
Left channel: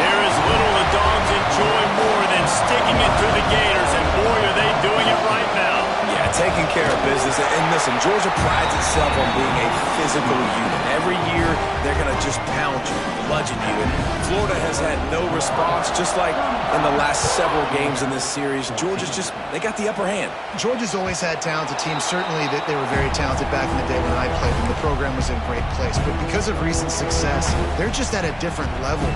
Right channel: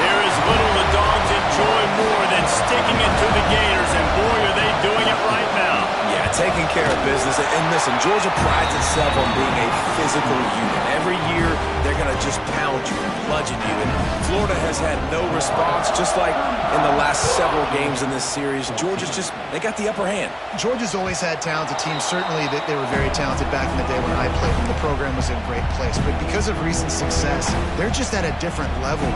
There is little the Dogs enjoy more than sticking it to the Gators, and boy, are they doing it right now. Yeah, taking care of business. And listen, Georgia prides itself on being a physical unit. Every year, they're going to just pound you, bludgeon you. And Florida has had no response, just like in the last several games in this series. Georgia's just, they got the upper hand. Georgia's always had talented teams. Certainly that they were very talented back in the day when I played them. The program was in great place. But because of recent success, they're just at a different level.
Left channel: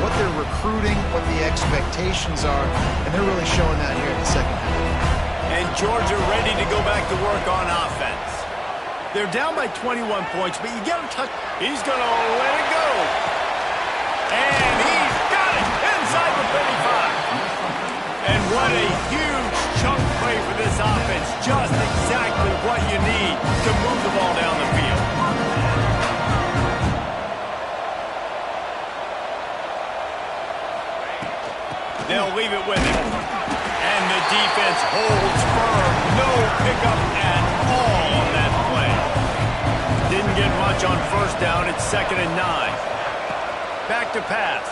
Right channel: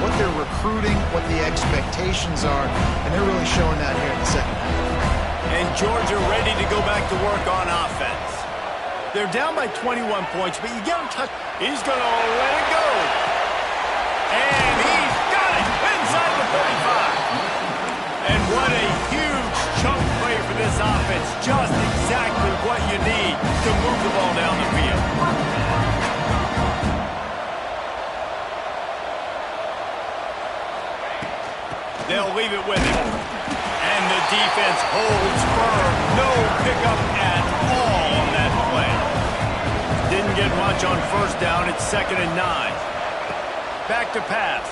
What they're recruiting, what the expectations are, and they're really showing that here in the second half. And Georgia ready to go back to work on offense. They're down by 21 points, but you get a touch. He's going to let it go. And he's got it inside the 35. And what a huge chunk play for this offense. Just exactly what you need to move the ball down the field. They'll leave it with him. And the defense holds firm. No pickup at all on that play. Didn't get much on first down. It's 2nd and 9. Back to pass.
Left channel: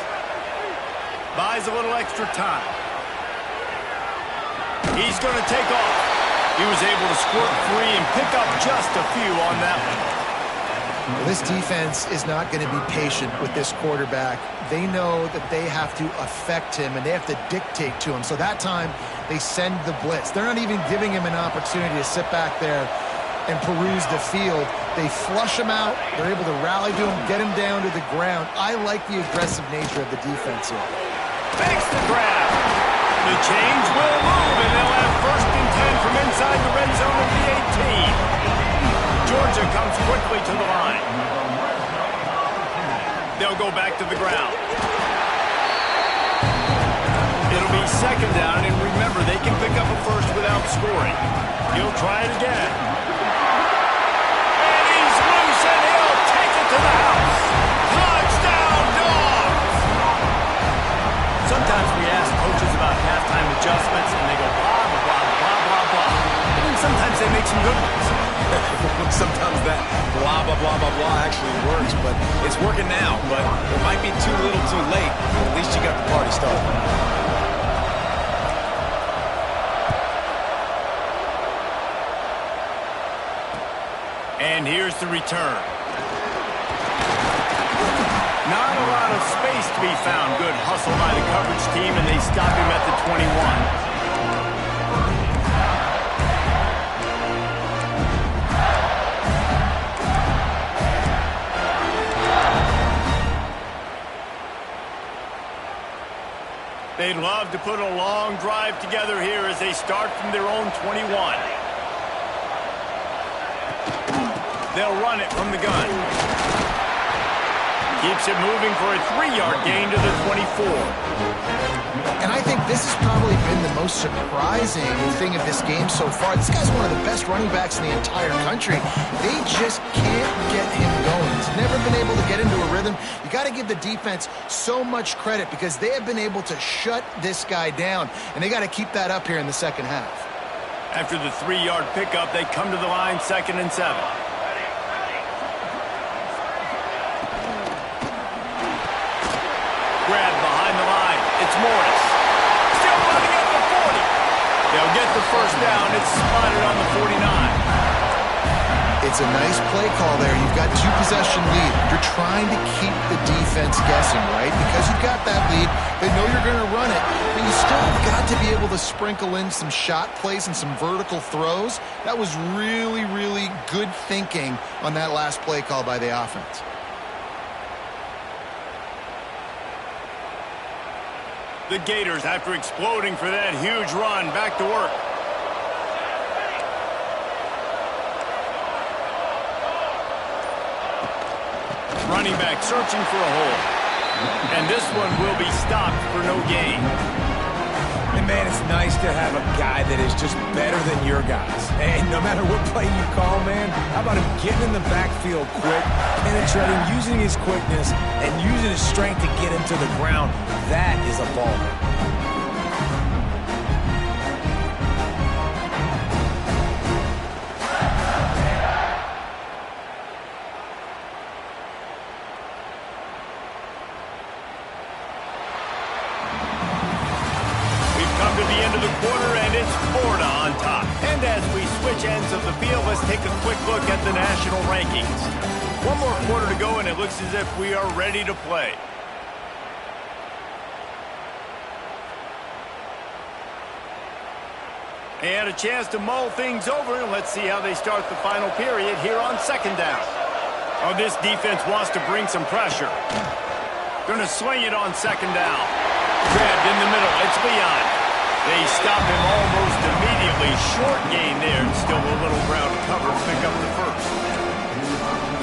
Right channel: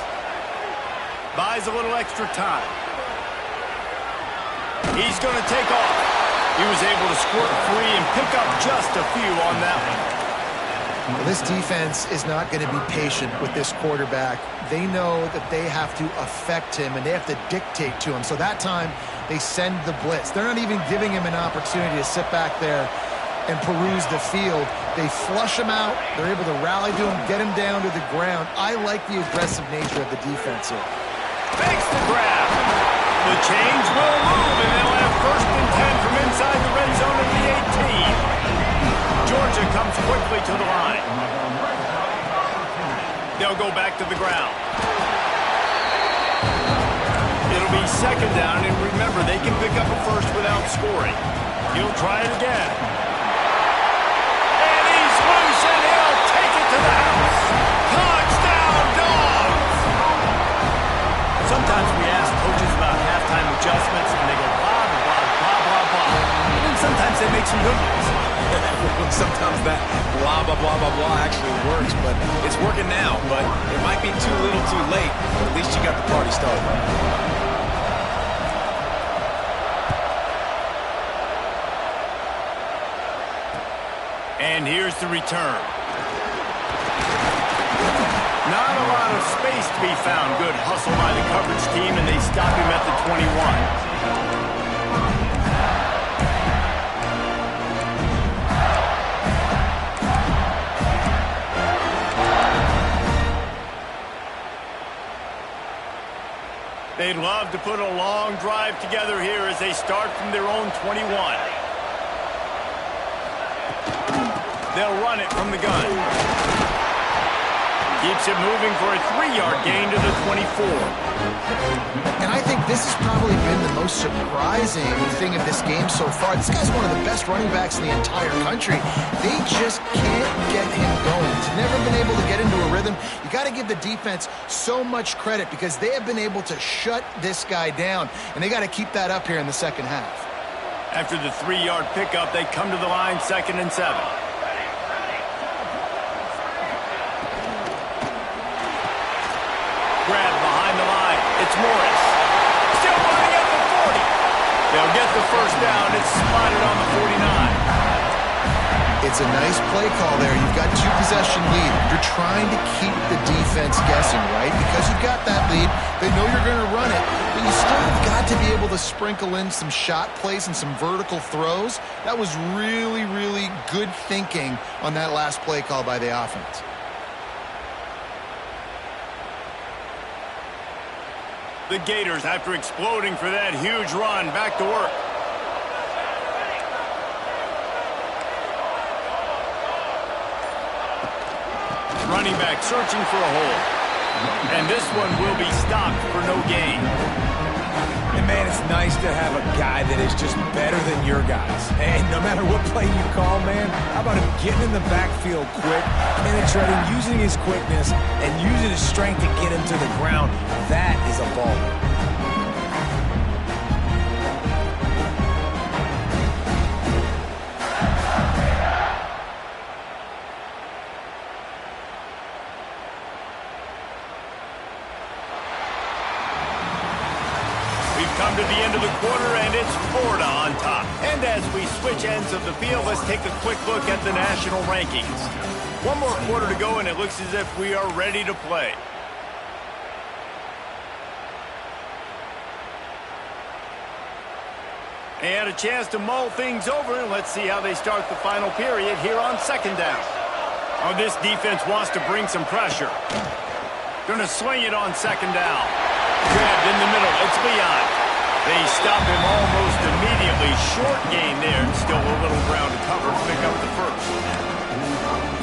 Buys a little extra time. He's going to take off. He was able to squirt free and pick up just a few on that one. Well, this defense is not going to be patient with this quarterback. They know that they have to affect him and they have to dictate to him. So that time, they send the blitz. They're not even giving him an opportunity to sit back there and peruse the field. They flush him out. They're able to rally to him, get him down to the ground. I like the aggressive nature of the defense here. Makes the grab. The change will move, and they'll have 1st and 10 from inside the red zone of the 18. Georgia comes quickly to the line. They'll go back to the ground. It'll be 2nd down, and remember, they can pick up a first without scoring. He'll try it again. And he's loose, and he'll take it to the house. Touchdown, Dogs! Sometimes we ask coaches about halftime adjustments, and they go blah, blah, blah, blah, blah, blah. And then sometimes they make some good ones. Sometimes that blah, blah, blah, blah, blah actually works, but it's working now. But it might be too little too late, but at least you got the party started. And here's the return. Not a lot of space to be found. Good hustle by the coverage team, and they stop him at the 21. They'd love to put a long drive together here as they start from their own 21. They'll run it from the gun. Keeps it moving for a 3-yard gain to the 24. And I think this has probably been the most surprising thing of this game so far. This guy's one of the best running backs in the entire country. They just can't get him going. He's never been able to get into a rhythm. You got to give the defense so much credit because they have been able to shut this guy down, and they got to keep that up here in the second half. After the 3-yard pickup, they come to the line 2nd and 7. Grab behind the line. It's Morris. Still running at the 40. They'll get the first down. It's spotted on the 49. It's a nice play call there. You've got 2-possession lead. You're trying to keep the defense guessing, right? Because you've got that lead, they know you're going to run it, but you still have got to be able to sprinkle in some shot plays and some vertical throws. That was really, really good thinking on that last play call by the offense. The Gators, after exploding for that huge run, back to work. Running back searching for a hole. And this one will be stopped for no gain. And, man, it's nice to have a guy that is just better than your guys. And no matter what play you call, man, how about him getting in the backfield quick, penetrating, using his quickness, and using his strength to get him to the ground. That is a baller. Come to the end of the quarter, and it's Florida on top. And as we switch ends of the field, let's take a quick look at the national rankings. One more quarter to go, and it looks as if we are ready to play. And a chance to mull things over, and let's see how they start the final period here on 2nd down. Oh, this defense wants to bring some pressure. Going to sling it on 2nd down. Grabbed in the middle. It's Leon. They stop him almost immediately. Short gain there, and still a little ground to cover to pick up the first.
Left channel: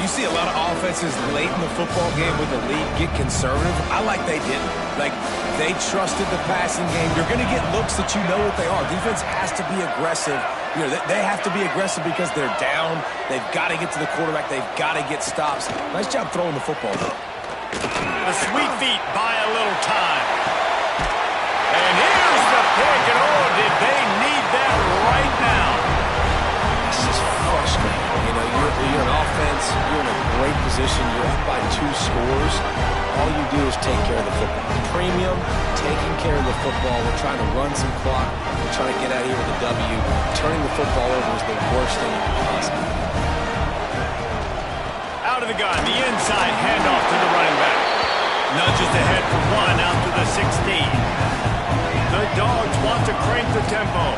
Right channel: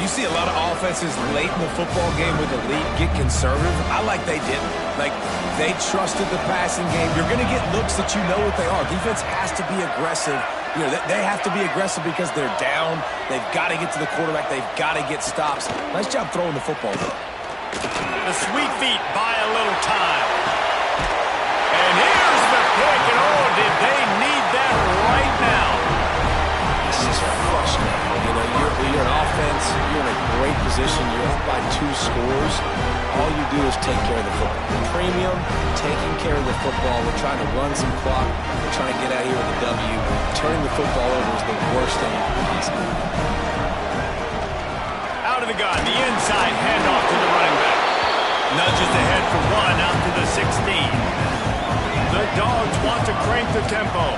You see a lot of offenses late in the football game with the lead get conservative. I like they didn't. Like, they trusted the passing game. You're going to get looks that you know what they are. Defense has to be aggressive. You know, they have to be aggressive because they're down. They've got to get to the quarterback. They've got to get stops. Nice job throwing the football, though. The sweet feet buy a little time. And here's the pick, and oh, did they need that right now. It's just frustrating. You know, you're an offense, you're in a great position, you're up by 2 scores. All you do is take care of the football. Premium, taking care of the football. We're trying to run some clock. We're trying to get out of here with a W. Turning the football over is the worst thing possible. Out Out of the gun, the inside handoff to the running back. Nudges ahead for 1 out to the 16. The Dogs want to crank the tempo.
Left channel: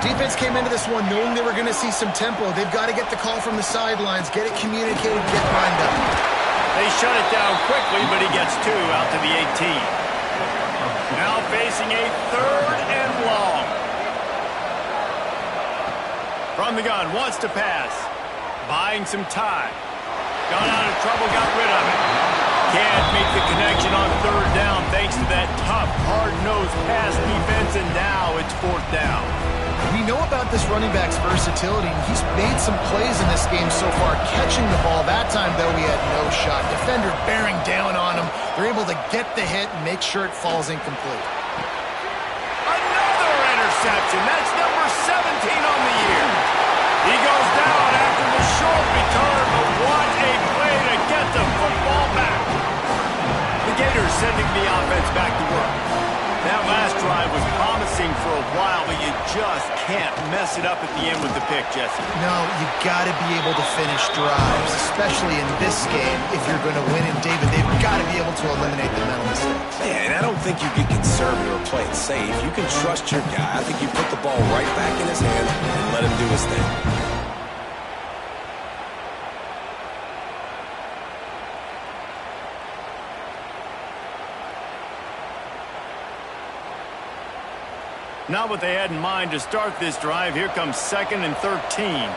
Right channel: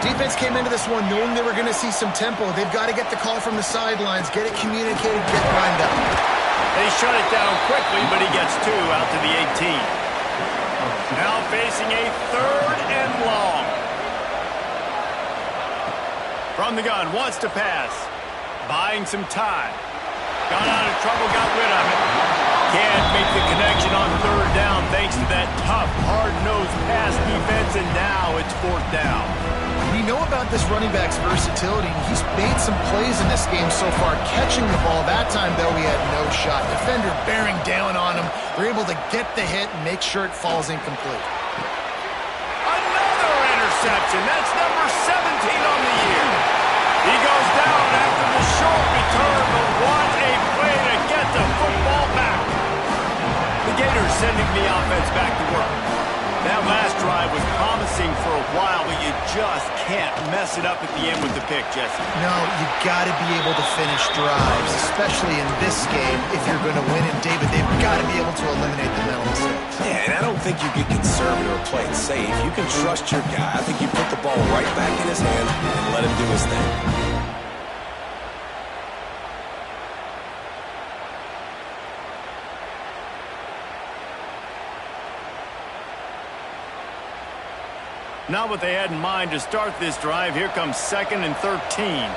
Defense came into this one knowing they were going to see some tempo. They've got to get the call from the sidelines, get it communicated, get lined up. They shut it down quickly, but he gets 2 out to the 18. Now facing a 3rd and long. From the gun, wants to pass. Buying some time. Got out of trouble, got rid of it. Can't make the connection on 3rd down thanks to that tough, hard-nosed pass defense, and now it's 4th down. We know about this running back's versatility, and he's made some plays in this game so far, catching the ball. That time, though, he had no shot. Defender bearing down on him. They're able to get the hit and make sure it falls incomplete. Another interception. That's number 17 on the year. He goes down after the short return, but what a play to get the football back. The Gators sending the offense back to work. That last drive was promising for a while, but you just can't mess it up at the end with the pick, Jesse. No, you got to be able to finish drives, especially in this game. If you're going to win it, David, they've got to be able to eliminate the mental mistakes. Yeah, and I don't think you get conservative or play it safe. You can trust your guy. I think you put the ball right back in his hands and let him do his thing. Not what they had in mind to start this drive. Here comes 2nd and 13.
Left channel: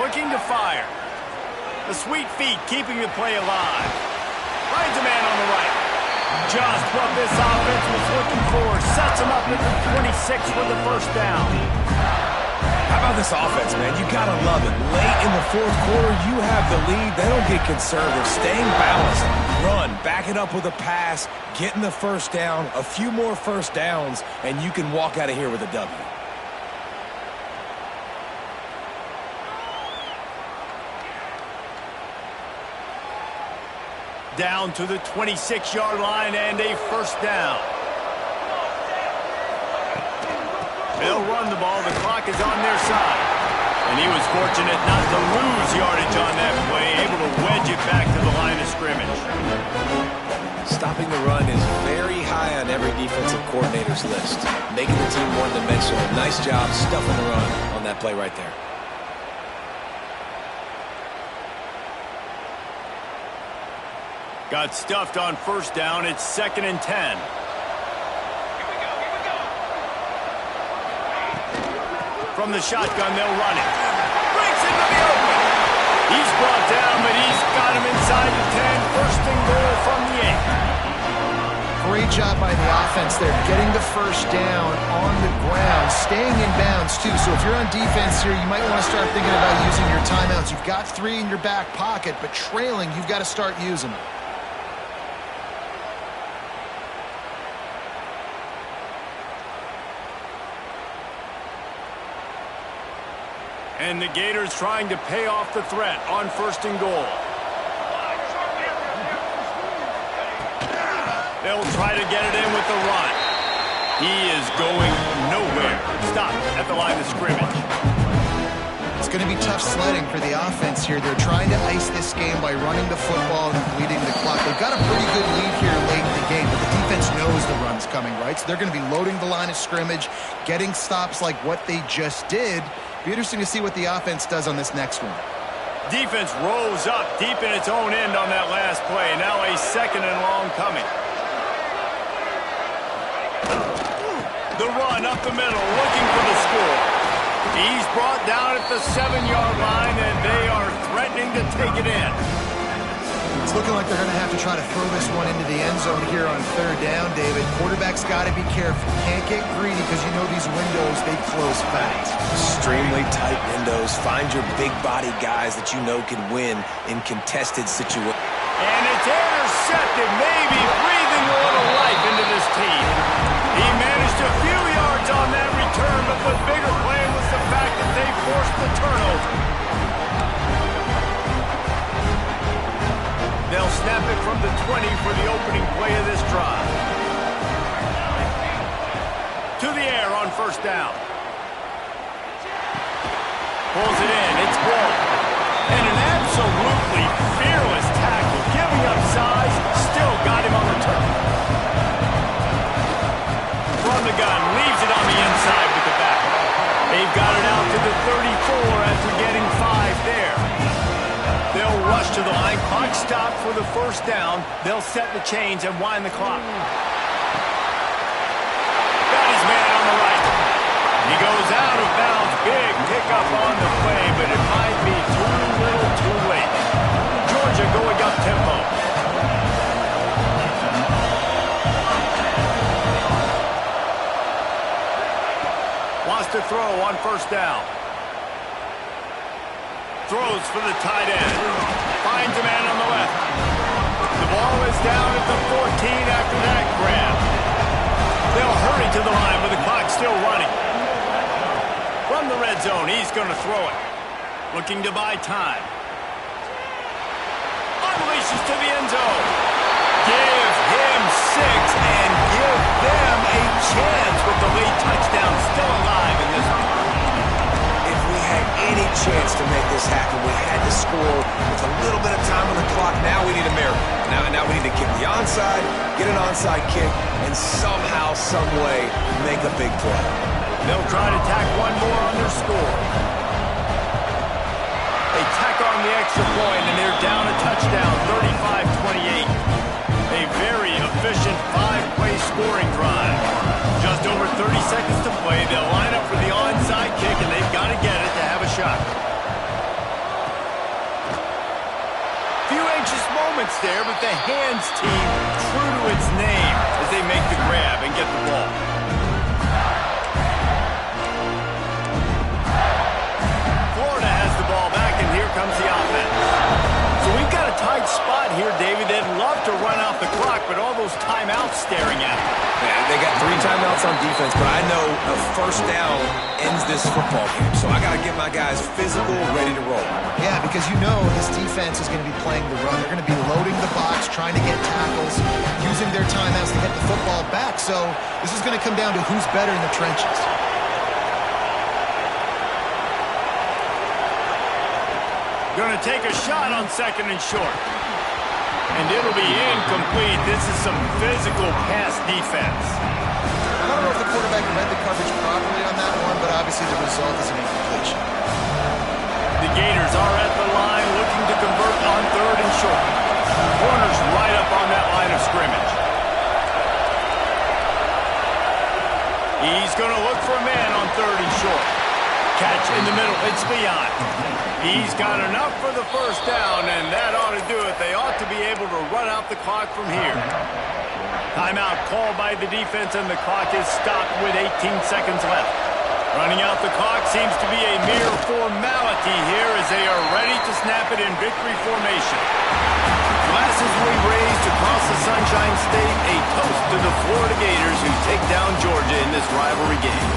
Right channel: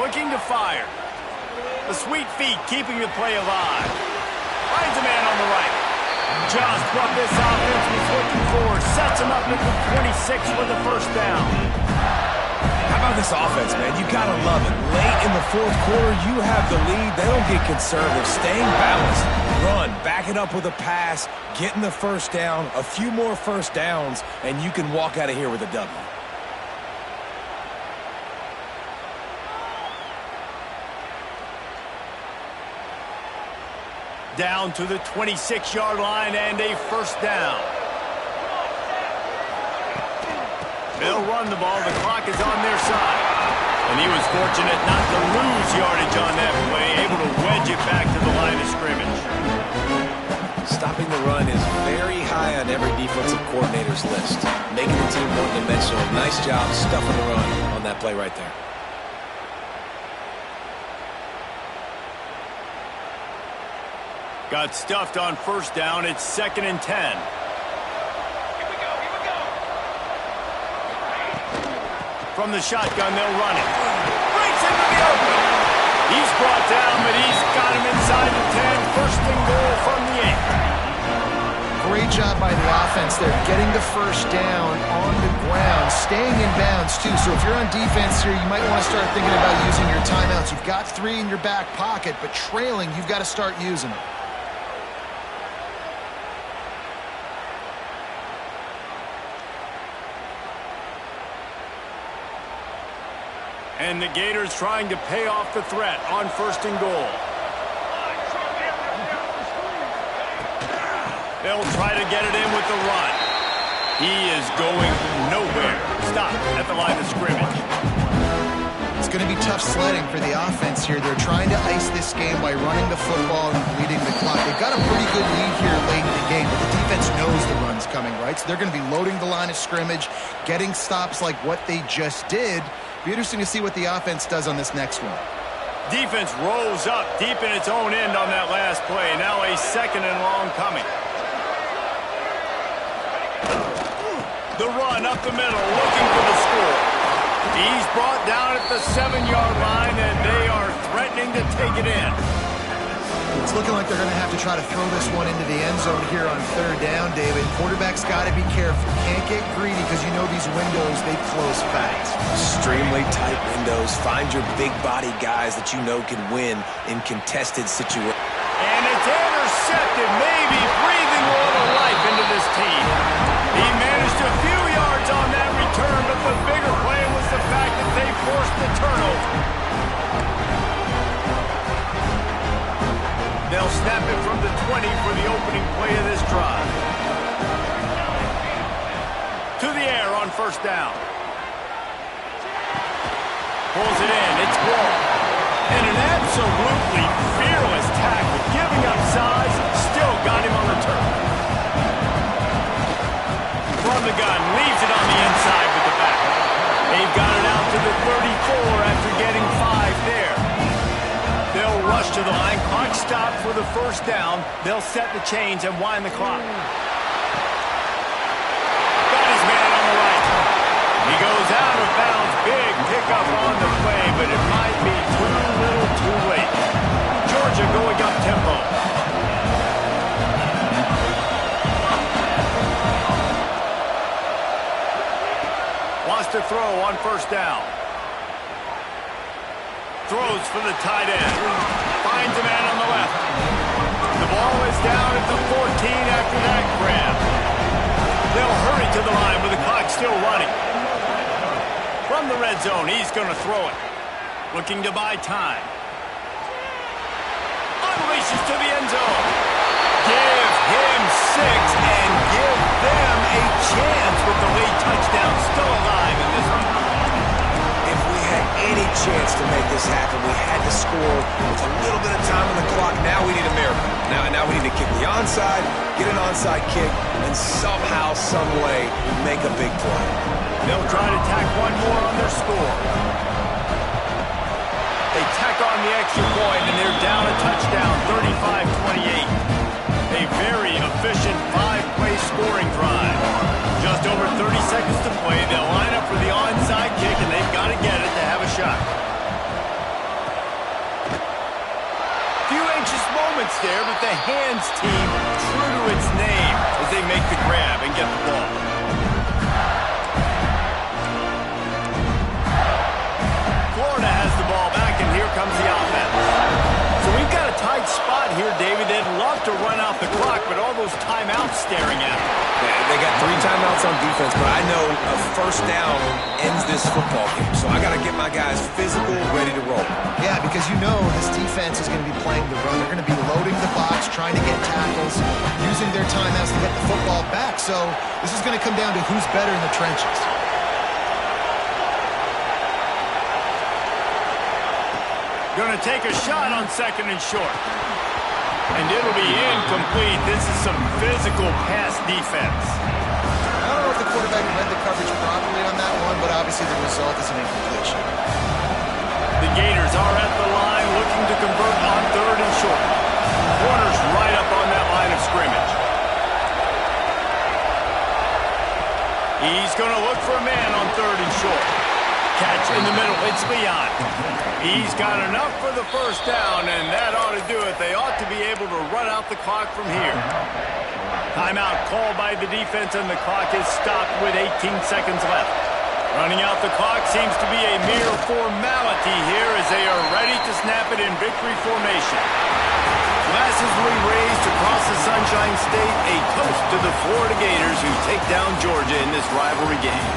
Looking to fire. The sweet feet keeping the play alive. Finds a man on the right. Just what this offense was looking for. Sets him up at the 26 with the 1st down. How about this offense, man? You got to love it. Late in the 4th quarter, you have the lead. They don't get conservative. Staying balanced. Run. Back it up with a pass. Getting the 1st down. A few more 1st downs, and you can walk out of here with a W. Down to the 26-yard line and a 1st down. They'll run the ball. The clock is on their side. And he was fortunate not to lose yardage on that play, able to wedge it back to the line of scrimmage. Stopping the run is very high on every defensive coordinator's list. Making the team one-dimensional. Nice job stuffing the run on that play right there. Got stuffed on 1st down. It's 2nd and 10. From the shotgun, they'll run it. Breaks into the open. He's brought down, but he's got him inside the 10. 1st and goal from the 8. Great job by the offense there, getting the 1st down on the ground, staying in bounds, too. So if you're on defense here, you might want to start thinking about using your timeouts. You've got 3 in your back pocket, but trailing, you've got to start using them. And the Gators trying to pay off the threat on 1st and goal. They'll try to get it in with the run. He is going nowhere. Stop at the line of scrimmage. It's going to be tough sledding for the offense here. They're trying to ice this game by running the football and bleeding the clock. They've got a pretty good lead here late in the game, but the defense knows the run's coming, right? So they're going to be loading the line of scrimmage, getting stops like what they just did. Be interesting to see what the offense does on this next one. Defense rolls up deep in its own end on that last play. Now a 2nd and long coming. The run up the middle, looking for the score. He's brought down at the 7-yard line, and they are threatening to take it in. It's looking like they're going to have to try to throw this one into the end zone here on 3rd down, David. Quarterback's got to be careful. Can't get greedy because you know these windows, they close fast. Extremely tight windows. Find your big body guys that you know can win in contested situations. And it's intercepted, maybe breathing a little life into this team. He managed a few yards on that return, but the bigger play was the fact that they forced the turnover. They'll snap it from the 20 for the opening play of this drive. to the air on first down. Pulls it in. It's blown. And an absolutely fearless tackle. Giving up size. Still got him on the turf. From the gun. Leaves it on the inside with the back. They've got it out to the 34 after getting 5 there. They'll rush to the line. Clock stopped for the first down. They'll set the chains and wind the clock. Got his man on the right. He goes out of bounds. Big pickup on the play, but it might be too little too late. Georgia going up tempo. Wants to throw on first down. Throws for the tight end. Finds a man on the left. The ball is down at the 14 after that grab. They'll hurry to the line with the clock still running. From the red zone, he's going to throw it. Looking to buy time. Unleashes to the end zone. Give him 6 and give them a chance with the late touchdown still alive in this one. If we had any chance to make this happen, we had to score with a little bit of time on the clock. Now we need a miracle. Now we need to kick the onside, get an onside kick, and somehow, some way, make a big play. They'll try to tack one more on their score. They tack on the extra point, and they're down a touchdown, 35-28. A very efficient 5-play scoring drive. Just over 30 seconds to play. They'll line up for the onside kick, and they've got to get it to have a shot. Few anxious moments there, but the hands team true to its name as they make the grab and get the ball. Florida has the ball back, and here comes the offense. So we've got a tight spot here, David. They'd love to run out the clock, but all those timeouts staring at them. Yeah, they got 3 timeouts on defense, but I know a first down ends this football game. So I got to get my guys physical, ready to roll. Yeah, because you know this defense is going to be playing the run. They're going to be loading the box, trying to get tackles, using their timeouts to get the football back. So this is going to come down to who's better in the trenches. Going to take a shot on 2nd and short. And it'll be incomplete. This is some physical pass defense. I don't know if the quarterback read the coverage properly on that one, but obviously the result is an incompletion. The Gators are at the line looking to convert on 3rd and short. Corner's right up on that line of scrimmage. He's going to look for a man on 3rd and short. Catch in the middle. It's Leon. He's got enough for the first down, and that ought to do it. They ought to be able to run out the clock from here. Timeout called by the defense, and the clock is stopped with 18 seconds left. Running out the clock seems to be a mere formality here as they are ready to snap it in victory formation. Glasses will be raised across the Sunshine State, a toast to the Florida Gators who take down Georgia in this rivalry game.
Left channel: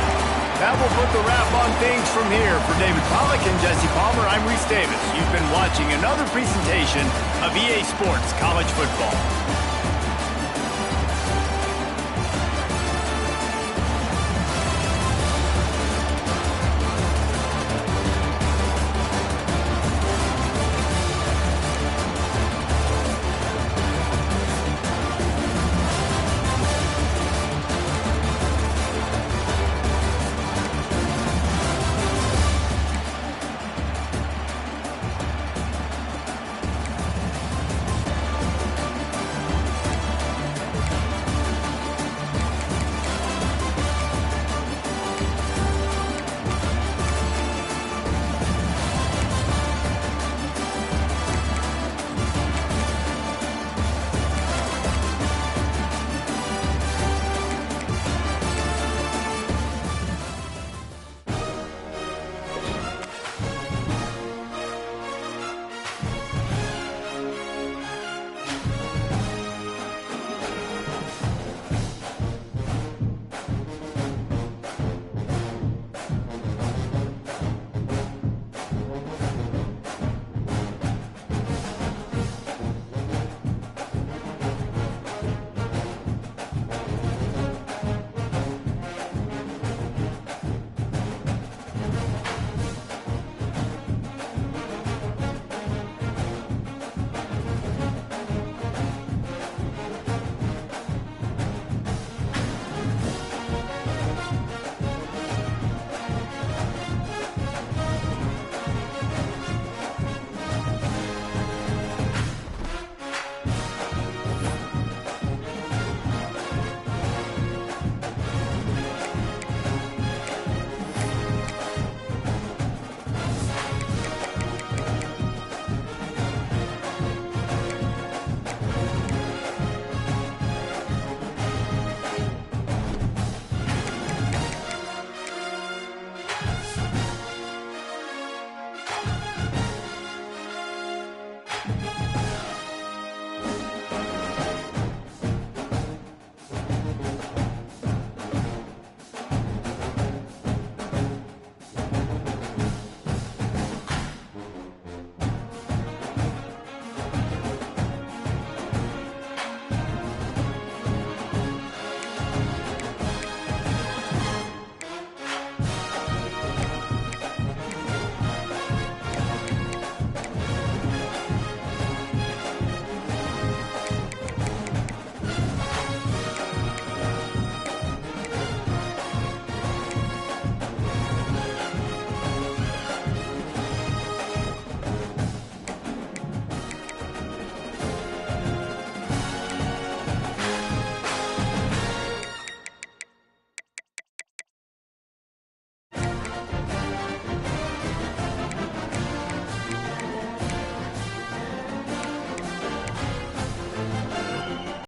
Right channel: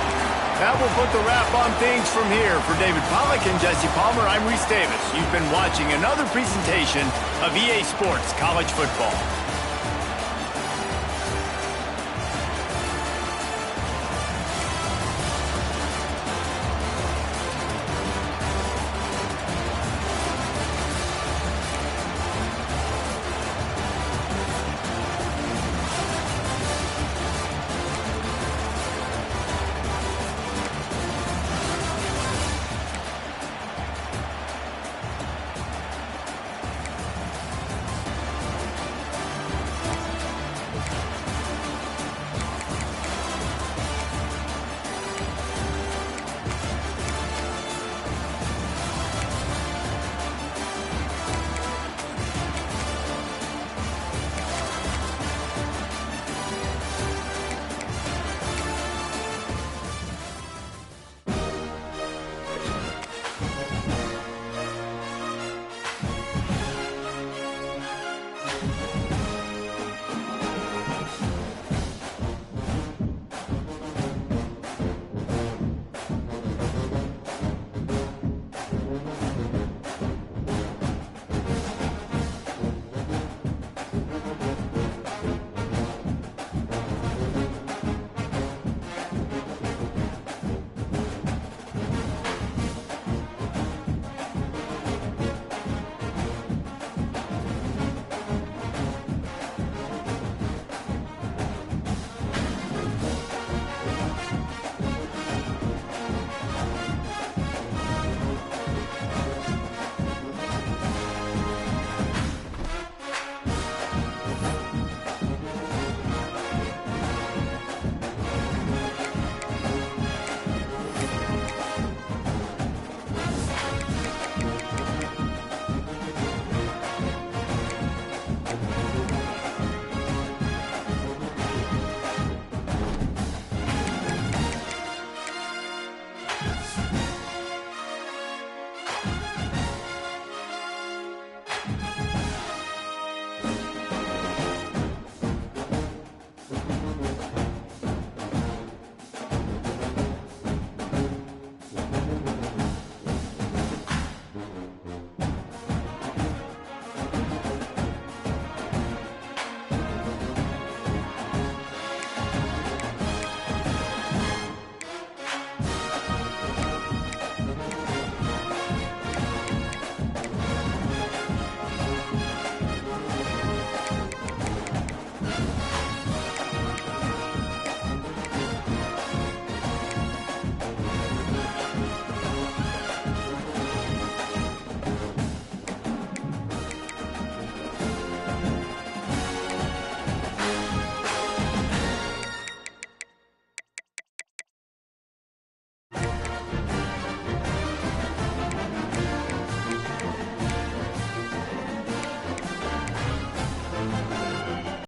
That will put the wrap on things from here. For David Pollack and Jesse Palmer, I'm Reese Davis. You've been watching another presentation of EA Sports College Football.